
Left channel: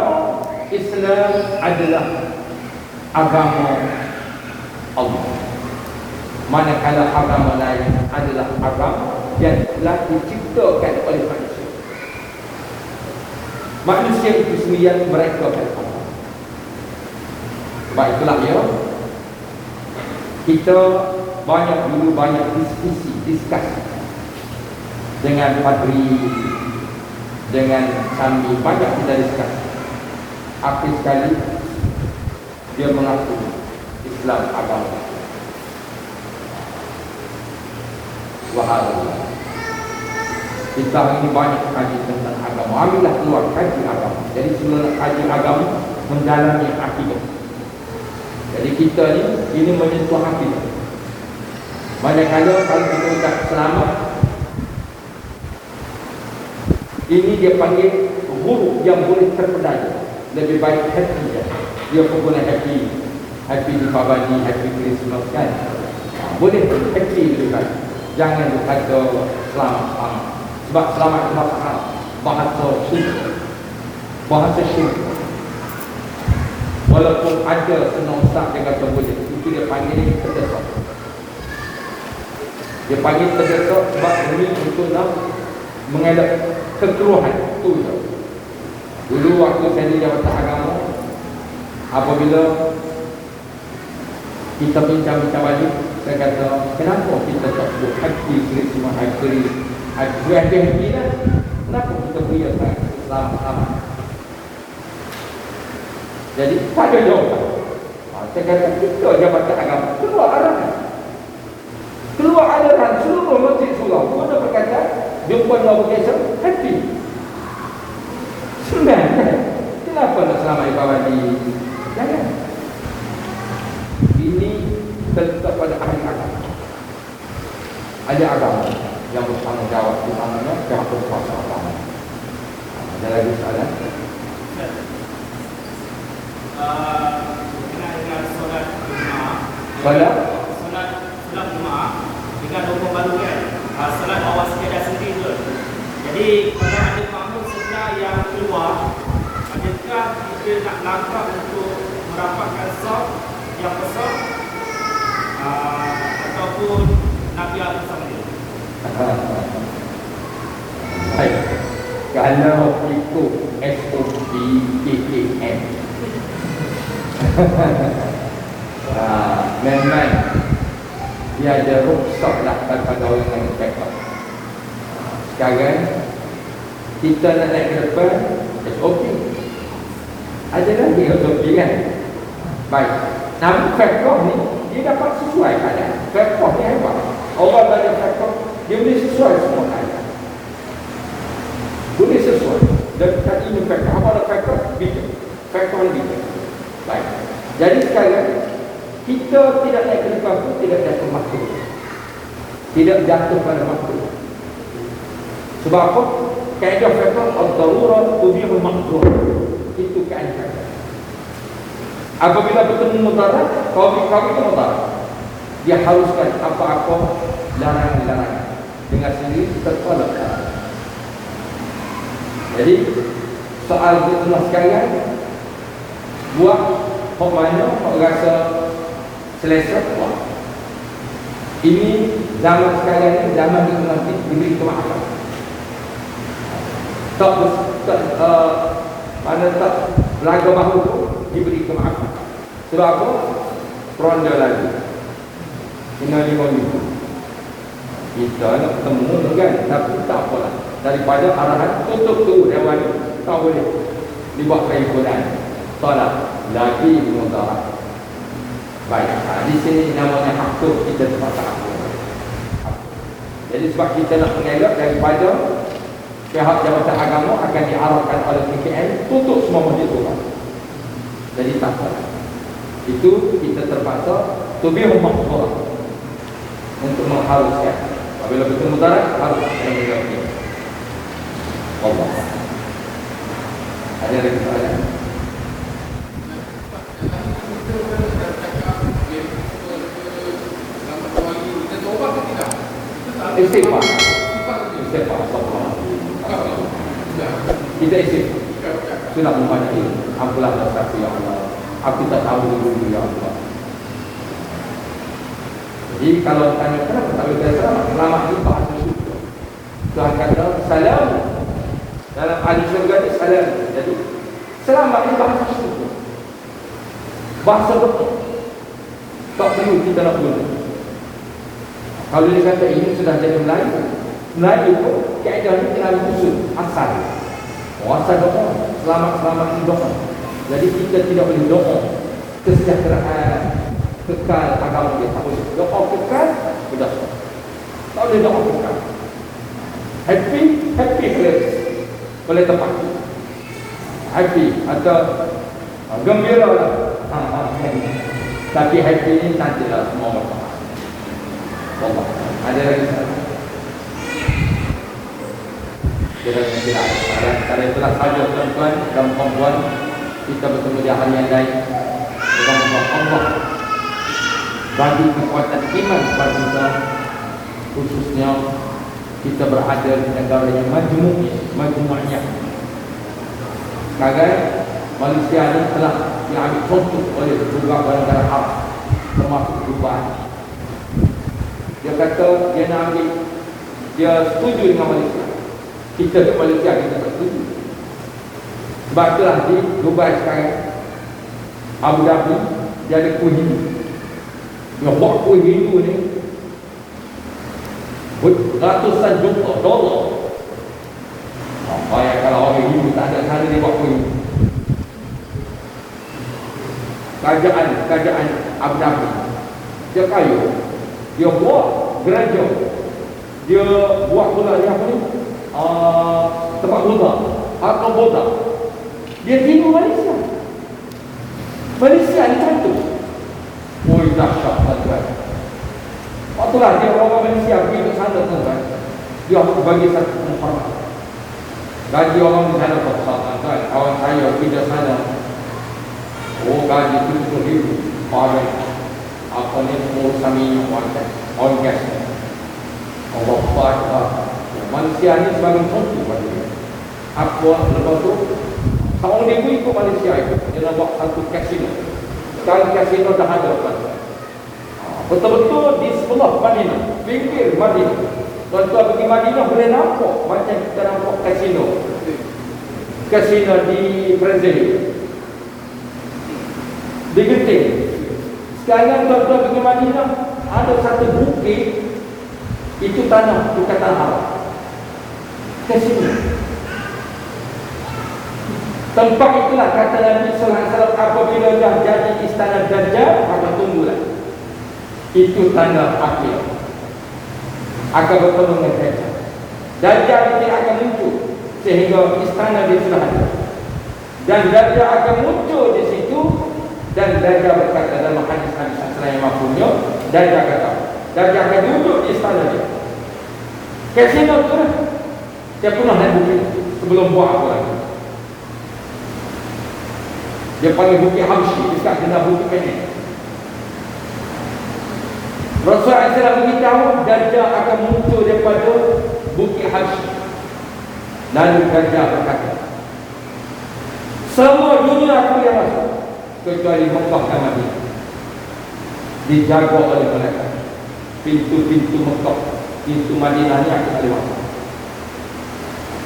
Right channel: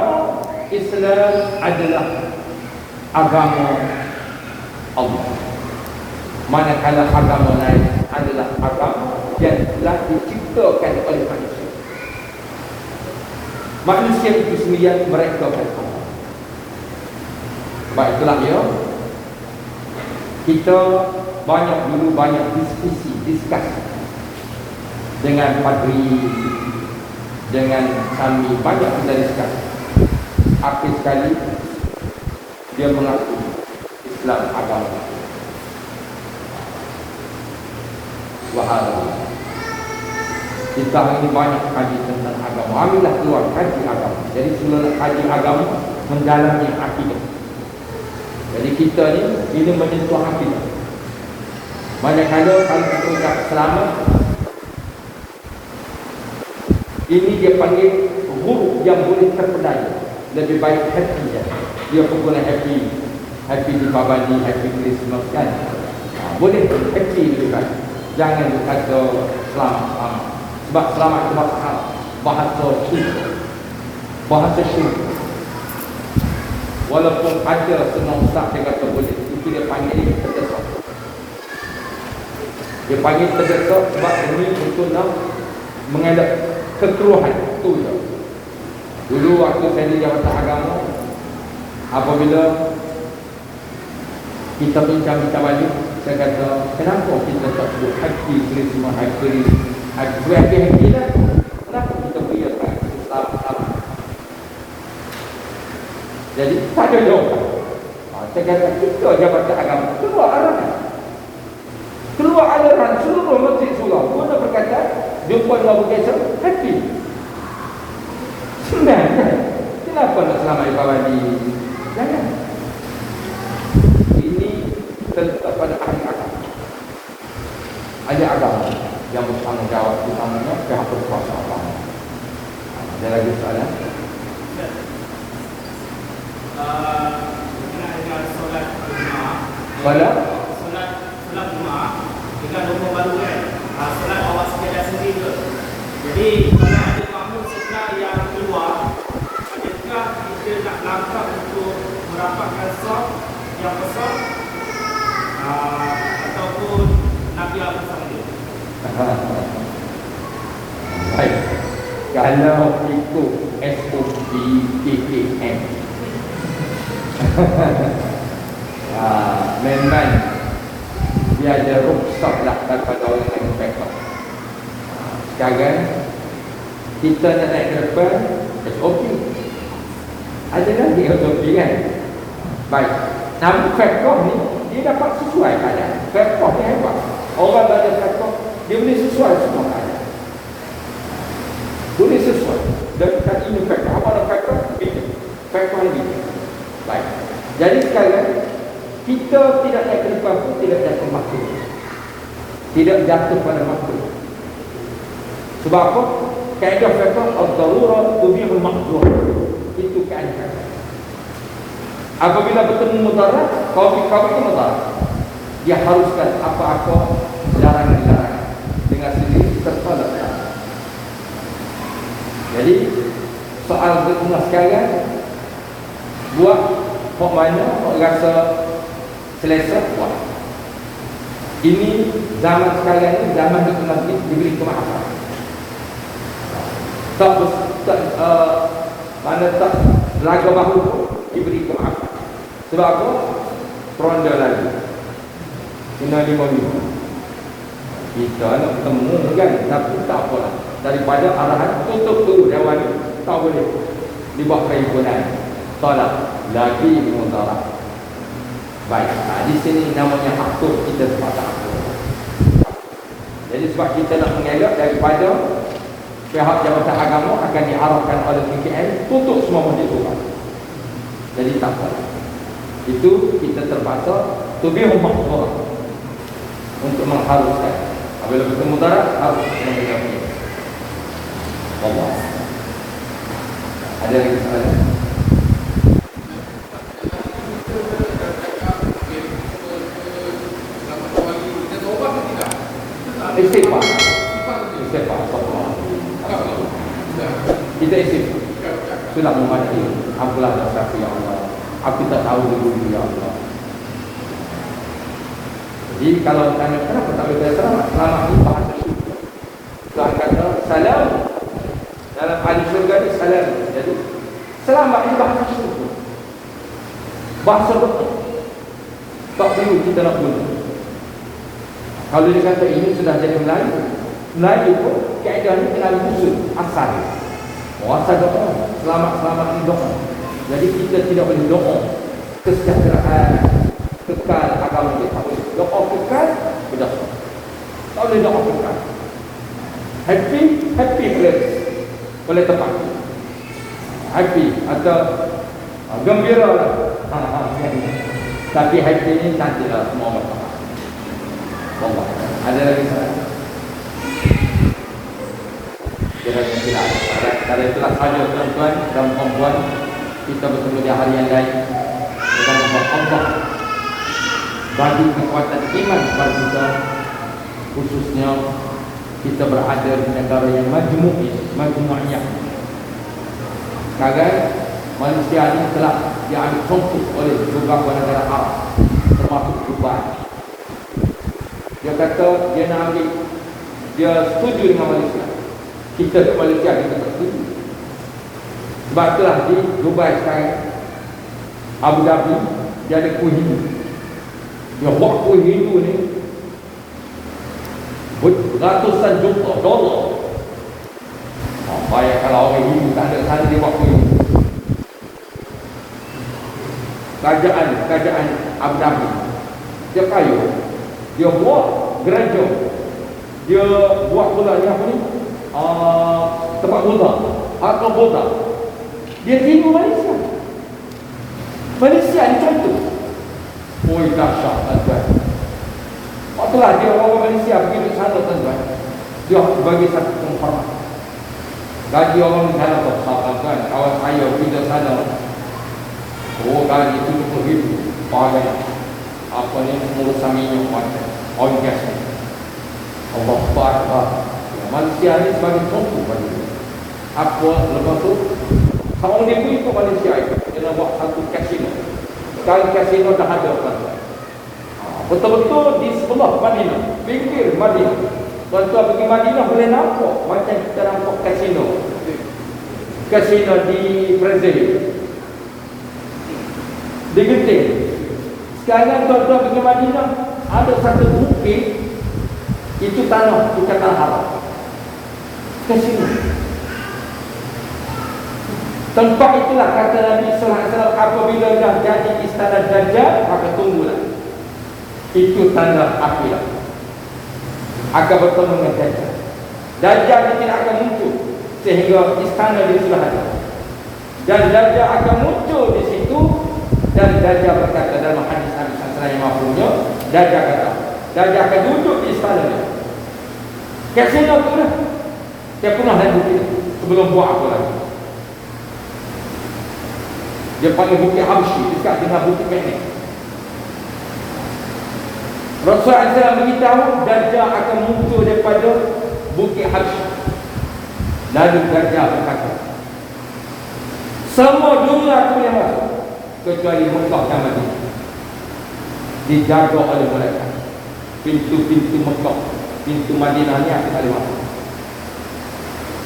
Islam adalah agama Allah. Manakala agama lain adalah agama dan telah diciptakan oleh manusia. Manusia itu sendiri mereka berfaham. Baiklah ya, kita banyak diskusi dengan padri, dengan kami, banyak kita diskusi. Akhir sekali dia mengaku Islam agama. Subhanallah. Kita ini banyak kaji tentang agama. Alhamdulillah keluar kaji agama. Jadi semua kaji agama mendalami akidah. Jadi kita ini menyentuh akidah. Manakala kalau kita tak selamat, ini dia panggil huruf yang boleh terpedaya. Lebih baik happy dia. Dia pun boleh happy di Babadi, happy Christmas kan. Boleh happy juga. Jangan kata selamat. Sebab selamat bahasa syirik. Walaupun ada semua ustaz dia kata boleh, itu dia panggil terdesak. Dia panggil terdesak sebab ini untuk nak mengelak kekeluhan. Itu je. Dulu waktu saya di jawatan agama, apabila kita bincang-bincang balik, saya kata, kenapa kita tak sebut haji Christmas, haji lah? Kenapa kita beriakan Islam? Jadi, tak ada jawapan. Saya kata, kita jawatan agama, keluar aliran seluruh masjid surau. Mereka berkata, jumpa Allah berkata, happy. Senang. Kenapa nak selamat kawan ini? Jangan. Ini tetap pada agama. Ada agama yang bertanggungjawab di mana berkuasa agama. Ada lagi soalan? Solat Jumaat dengan rumah baru kan. Solat awal sekadar sendiri tu. Jadi kalau ada kamu sebelah yang keluar, adakah kita nak langkah untuk merapatkan saf yang besar ataupun Nabi Al-Fatih? Baik. Kalau ikut SOP PKM memang dia ada rukhsat lah pada orang yang berpekak. Sekarang kita nak naik ke depan SOP. Ada lagi SOP kan? Baik. Namun pekak ni dia dapat sesuai keadaan. Pekak ni hebat. Orang ada pekak, dia boleh sesuai semua keadaan. Boleh sesuai. Dan kita ini pekak. Orang ada pekak, pekak lebih. Baik. Jadi sekarang kita tidak naik ke depan pun tidak jatuh makhluk. Tidak jatuh pada makhluk. Sebab apa? Kaedah fiqh ad-darurat tubihu al-mahdzur. Itu kaedah. Apabila bertemu mudarat, kawin mudarat. Dia haruskan apa-apa larangan-larangan dengan sendiri tertolak. Jadi soal bertemu sekalian, buat kok mana kok rasa selesa buat. Ini zaman sekalian ini zaman nanti diberi kemaafan. Mana tak lagu makhluk diberi kemaafan. Sebab apa? Peronda lagi. Kena 5 minggu. Kita nak ketemu kan, tapi tak apalah. Daripada arahan tutup tu dewan tak boleh dibawa ke ikunan. Tolak lagi menolak. Baik, di sini namanya hakuk kita sepakat. Jadi sebab kita nak mengelak daripada pihak jabatan agama akan diharapkan oleh PKN tutup semua masjid tu. Jadi tak apa. Itu kita terpaksa tubihu al-mahdzur untuk mengharuskan. Apabila bertemu darat harus menegaknya. Allah. Ada lagi soalan? Istighfar. Kita istighfar. Itulah membaca Alhamdulillah berkata ya Allah. Aku tak tahu dulu ya Allah. Jadi kalau tanya kenapa tak berdosa, selama ini bahasa Tuhan kata salam. Dalam hadis surga itu salam. Jadi selamat itu bahasa syurga. Bahasa betul. Tak perlu kita nak guna. Kalau dia kata ini sudah jadi Melayu, Melayu pun keadaan ini kena usul asal. Asal doa, selamat doa. Jadi kita tidak boleh doa kesejahteraan kekal agama dia. Doa kekal sudah. Tak boleh doa kekal. Happy place boleh tempat. Happy atau gembira lah. Tapi happy ini tak ada semua orang. Ada lagi satu. Pada itulah sahaja tuan-tuan dan puan-puan, kita bertemu di hari yang lain dengan Allah bagi kekuatan iman kepada kita, khususnya kita berada di negara yang majmu'iyah. Kagai manusia ini telah diambil contoh oleh beberapa negara Arab, termasuk Dubai. Dia kata dia nak ambil, dia setuju dengan Malaysia. Kita di Malaysia kita setuju. Sebab itulah di Dubai sekarang, Abu Dhabi, dia ada kuih Hindu. Dia buat kuih Hindu ni ratusan juta dolar. Bayang kalau orang Hindu tak ada sana dia buat kuih Hindu. Kerajaan Abu Dhabi, dia kaya. Dia buat gereja, dia buat pula yang apa ni, tempat Buddha. Dia tipu Malaysia. Malaysia ni contoh. Oi dahsyat tuan. Apabila dia orang Malaysia pergi ke sana tuan, dia bagi satu tempat. Gaji orang jalan besar tuan. Kawan saya pergi ke sana. Oh gaji RM70,000 pakai apa ni semua saminya macam on gas. Allah Akbar. Manusia ni sebagai contoh bagi apa lepas tu seorang minggu itu Malaysia itu dia nak buat satu kasino. Sekarang kasino dah ada kan. Betul-betul di sebelah Madinah, pinggir Madinah. Tuan-tuan pergi Madinah boleh nampak macam kita nampak kasino. Kasino di Brazil. Di Genting. Sekarang tuan-tuan pergi Madinah, ada satu bukit, itu tanah, bukan tanah. Kasino. Tempat itulah kata Nabi sallallahu alaihi wasallam, apabila dah jadi istana Dajjal, maka tunggulah. Itu tanda akhir. Akan bertemu dengan Dajjal. Dajjal tidak akan muncul sehingga istana dia sudah ada. Dan Dajjal akan muncul di situ. Dan Dajjal berkata dalam hadis Nabi sallallahu alaihi wasallam yang maksudnya, Dajjal akan duduk di istana dia. Kasino tu lah. Dia punah dan bukit sebelum buat apa lagi. Dia panggil bukit Hamshi, dekat dengan bukit pendek. Rasulullah SAW beritahu Dajjal akan muncul daripada bukit Hamshi. Lalu Dajjal berkata, semua dunia aku yang masuk kecuali Mekah dan Madinah dijaga oleh mereka. Pintu-pintu Mekah, pintu Madinah ni aku tak boleh masuk.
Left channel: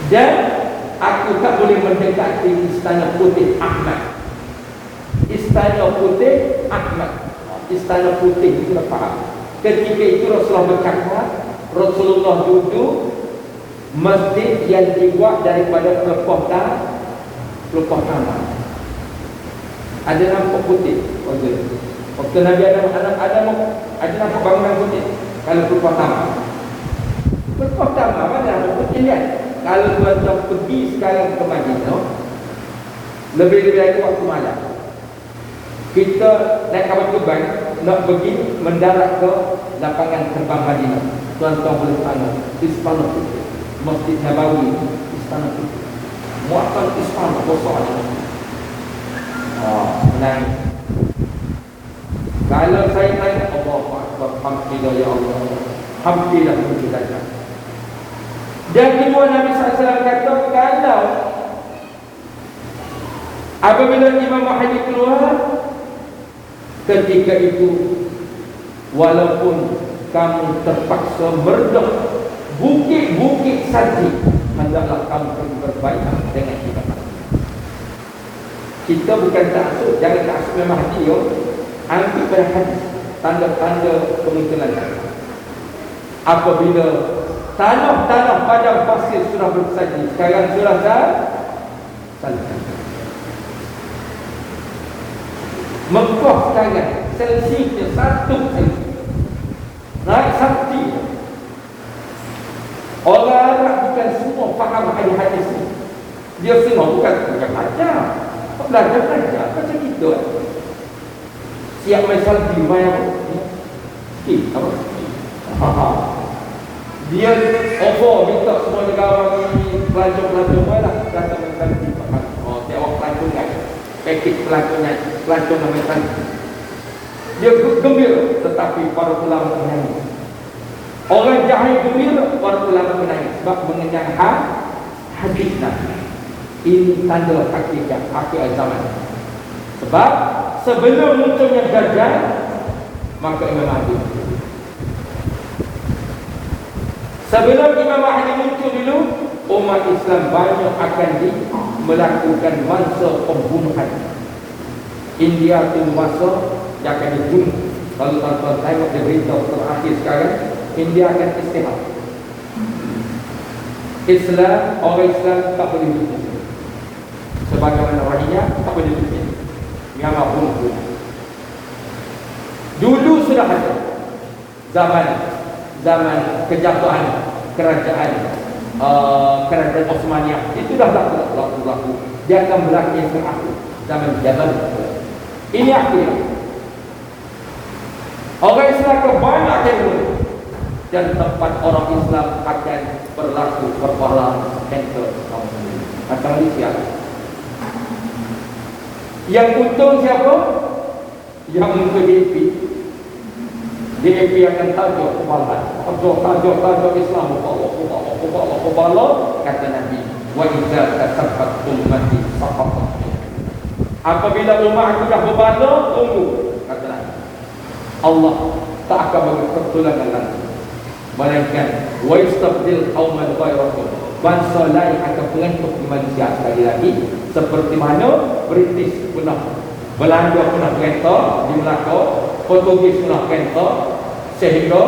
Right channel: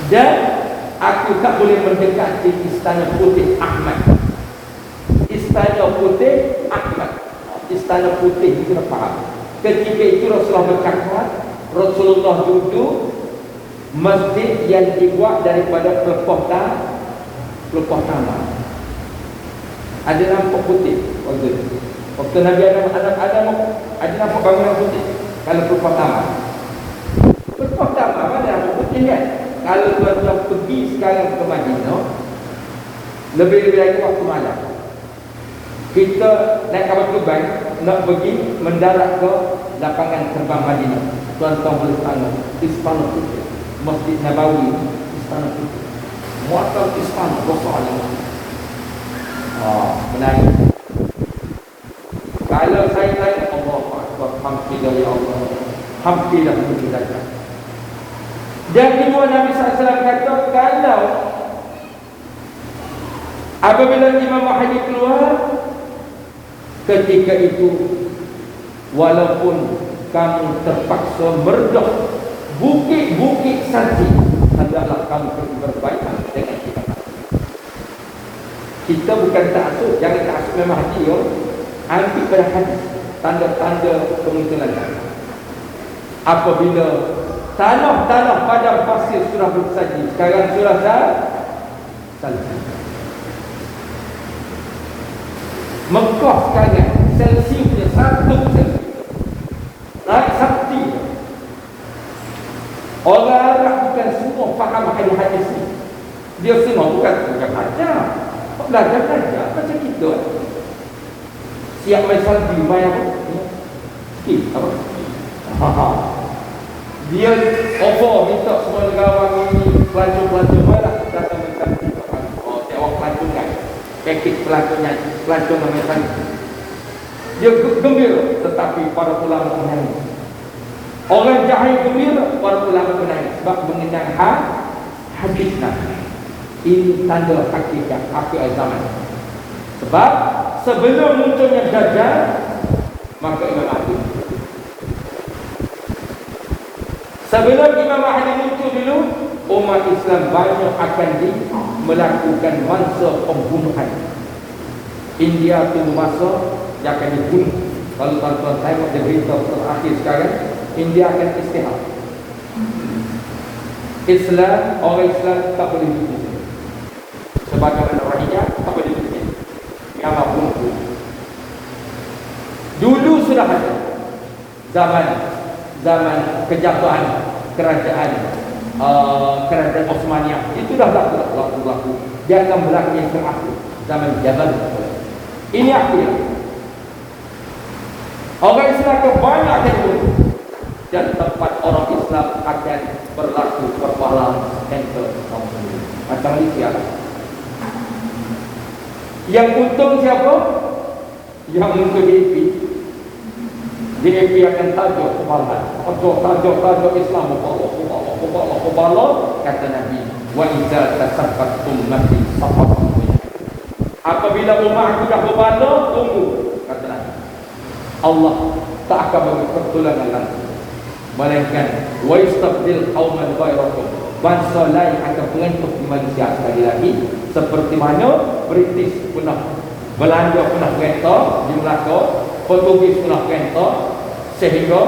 Dan aku tak boleh mendekati Istana Putih Ahmad. Istana Putih Ahmad. Istana Putih itu apa? Ketika itu Rasulullah bercakap, Rasulullah duduk masjid yang dibuat daripada pelepah tanah. Ada nampak putih. Waktu Nabi ada nampak bangunan putih. Kalau pelepah tanah. Pelepah tanah mana nampak putih ni? Kalau tuan-tuan pergi sekarang ke Madinah, lebih-lebih lagi waktu malam, kita naik kapal terbang nak pergi mendarat ke lapangan terbang Madinah. Tuan-tuan boleh tengok Istana Putih, Masjid Nabawi, Istana Putih. Muatal Istana besar ni. Menarik. Kalau saya tengok Allah Akbar, hamdulillah ya Allah, hamdulillah wujud Dajjal. Dan kedua Nabi SAW kata, kalau apabila Imam Mahdi keluar, ketika itu walaupun kamu terpaksa meredah bukit-bukit saji adalah kampung terbaik dengan kita. Kita bukan taksub, jangan taksub memang hati yo. Ambil pada hadis tanda-tanda kemunculan. Apabila tanah-tanah padang pasir sudah bersaji, sekarang sudah salji. Mekah sekarang Celsiusnya 1 Celsius. Naik sakti. Orang Arab bukan semua faham hadis ini. Dia semua bukan belajar. Belajar macam kita. Siap mesal di mana? Kita. Dia minta semua negara ini pelancong mana? Datang kita. Oh, tengok pelancong kan. Kekit pelancong yang macam dia gembira, tetapi para ulama menangis. Orang jahil gembira, para ulama menangis sebab mengenang hakikat. Ini tanda hakikat akhir zaman. Sebab sebelum munculnya Dajjal, maka Imam Mahdi. Sebelum Imam Mahdi muncul dulu, umat Islam banyak akan melakukan masa pembunuhan. India tu masa yang akan dibunuh. Kalau tuan-tuan tengok di berita terakhir sekarang, India akan istirahat. Islam, orang Islam tak boleh dibunuh. Sebagaimana rakyat tak boleh dibunuh. Nyawa bunuh. Dulu sudah ada zaman kejatuhan kerajaan Osmaniyah. Itu dah berlaku. Dia akan berlaku yang terakhir zaman Jabal. Ini akhirnya orang Islam kebanyakan dulu, dan tempat orang Islam akan berlaku kepala center atau siapa? Yang untung siapa? Yang untung DAP yang tajuk kepala tajuk Islam kepala kata Nabi wa idza tasafat ummati safat. Apabila umat sudah berbala, tunggu kata Nabi. Allah tak akan bagi pertolongan lagi, melainkan wa istabdil qauman ghayrakum, bangsa lain akan mengentuk di manusia sekali lagi, seperti mana British pernah, Belanda pernah mengentuk di Melaka, Portugis pernah mengentuk, sehingga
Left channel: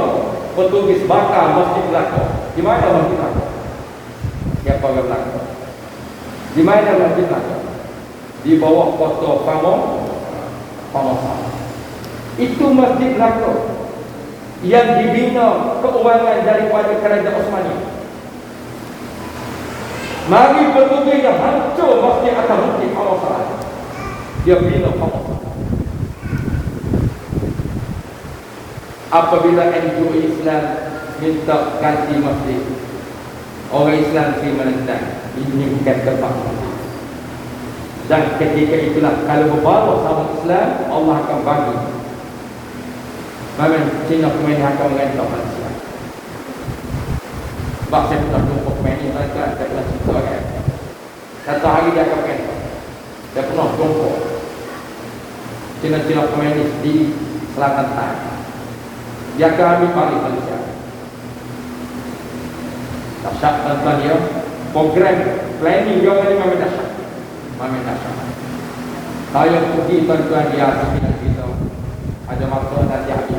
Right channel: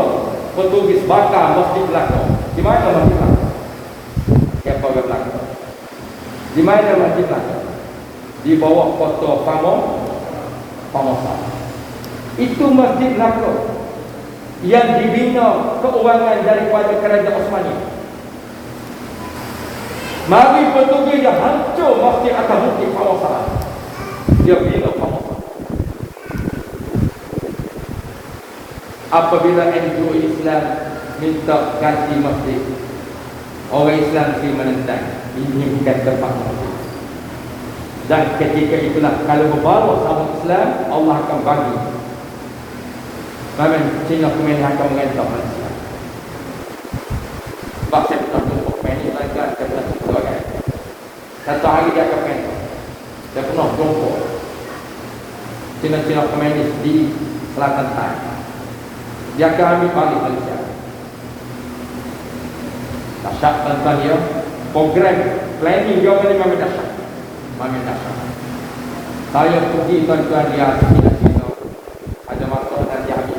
Portugis bakar masjid Melaka. Di mana masjid Melaka? Siapa yang Melaka? Di mana masjid Melaka? Di bawah kota Pamosa. Itu masjid Melaka yang dibina keuangan daripada kerajaan Osmani. Mari Portugis dah hancur masjid Atahuti Pamosa. Dia bina Pamosa. Apabila NGO Islam minta ganti masjid, orang Islam terima menentang, ini bukan tempat masjid. Dan ketika itulah kalau berbawa sama Islam, Allah akan bagi. Memang Cina kemenangan akan mengentak manusia. Sebab saya pernah melakukan ini, saya pernah situasi. Satu hari dia akan mengentak. Saya pernah jumpa Cina-Cina komunis di Selatan Thailand. Dia akan ambil balik manusia. Dahsyat tuan-tuan dia, program planning dia memang dahsyat. Saya pergi tuan-tuan di atas kita ada masalah dan jadi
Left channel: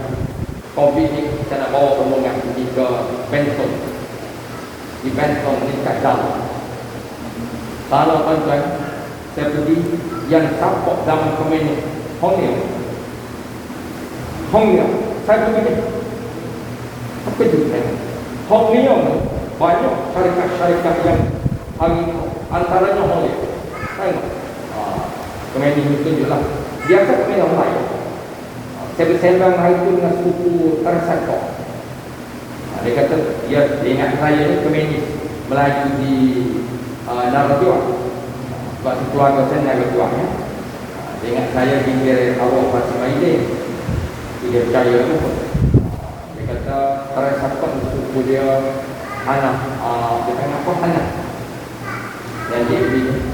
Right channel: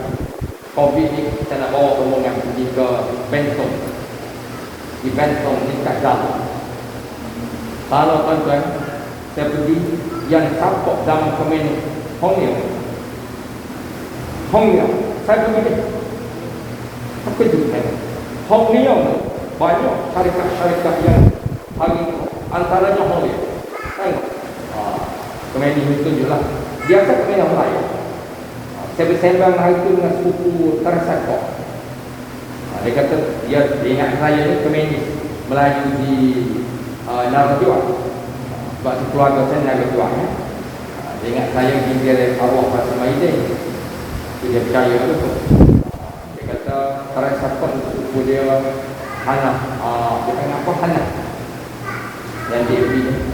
COVID ni kita nak bawa rombongan pergi ke Benton, di Benton di Kajal. Kalau tuan-tuan saya pergi yang sampai zaman komunis Hong Leong saya pergi tapi juga Hong Leong banyak syarikat-syarikat yang hari antaranya Hong Leong. Komunis itu juga dia akan punya yang lain. Saya bersembang hari itu dengan suku Tersaka. Dia kata dia ingat saya itu komunis Melayu di Narajua. Sebab si keluarga saya Narajua. Dia ingat saya di Kiri Awak Rasa Maidin. Dia percaya betul. Dia kata Tersaka suku dia anak bukan apa anak. Dan dia ini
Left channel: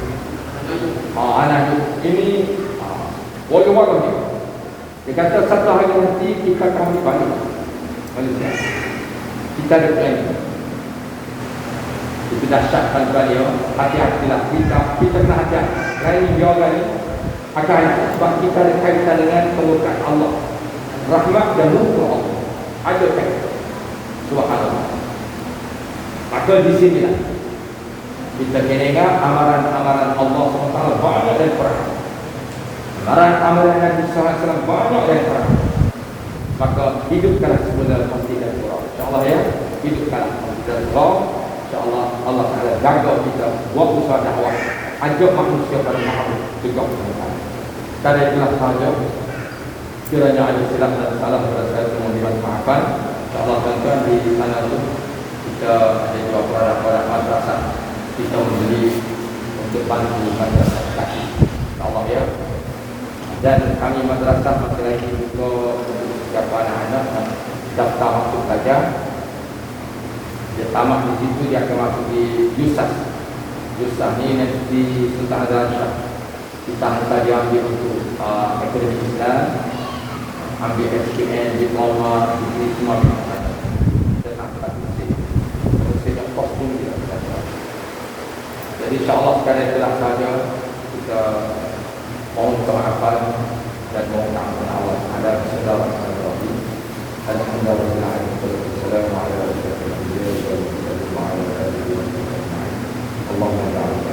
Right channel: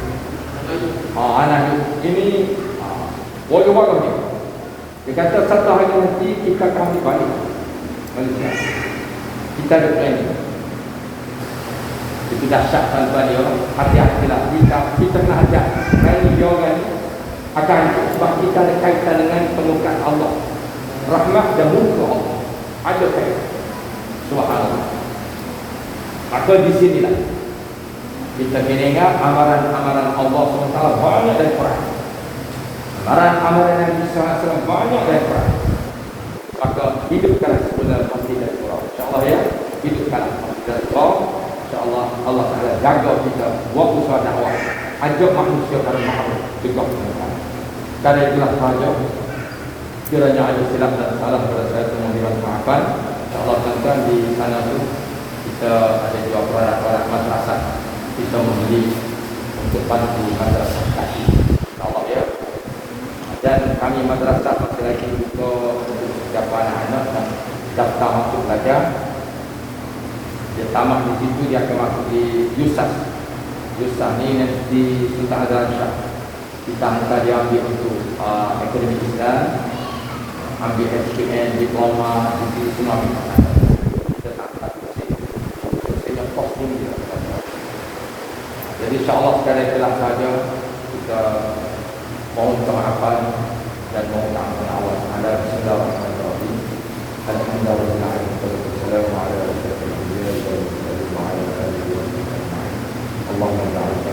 anak ini walau dia. Dia kata satu hari nanti kita akan balik manusia. Kita ada plan. Itu dahsyat tanpa dia. Hati-hatilah kita kena hati. Kerana ini dia orang ni akan sebab kita ada kaitan dengan pelukan Allah, rahmat dan muka Allah. Ada kaitan. Subhanallah. Maka di sinilah kita mendengar amaran-amaran Allah SWT banyak dari Quran. Amaran Nabi SAW banyak dari Quran. Maka hidupkan sebenarnya bukti dari Allah. InsyaAllah ya, hidupkan bukti dari Allah. InsyaAllah Allah akan jaga kita buat usaha dakwah, ajak manusia pada mahu juga. Karena itulah sahaja, kiranya ada silap dan salah pada saya semua bulan maafkan. InsyaAllah tuan-tuan di sana itu kita ada juga orang-orang masyarakat kita menjadi untuk bantu masyarakat kaki. InsyaAllah ya. Dan kami masyarakat masih lagi untuk beberapa anak-anak daftar masuk belajar. Dia tamat di situ, dia akan masuk di Yusaf. Yusaf ni di Sultan Azhar Shah. Kita muka dia ambil untuk akademik Islam, ambil SPM, diploma, di semua bidang. Jadi insyaAllah sekali adalah sahaja kita mohon kemaafan dan mohon maaf Allah kepada segala masalah dan mudah-mudahan Assalamualaikum warahmatullahi wabarakatuh. Allahumma ta'ala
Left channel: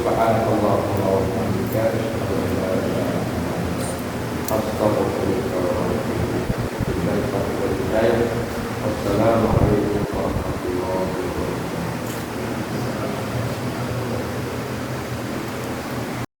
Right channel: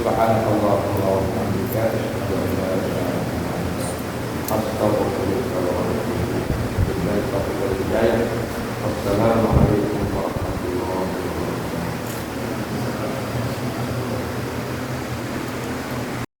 Subhanallah wa bihamdihi, asyhadu an la ilaha illa anta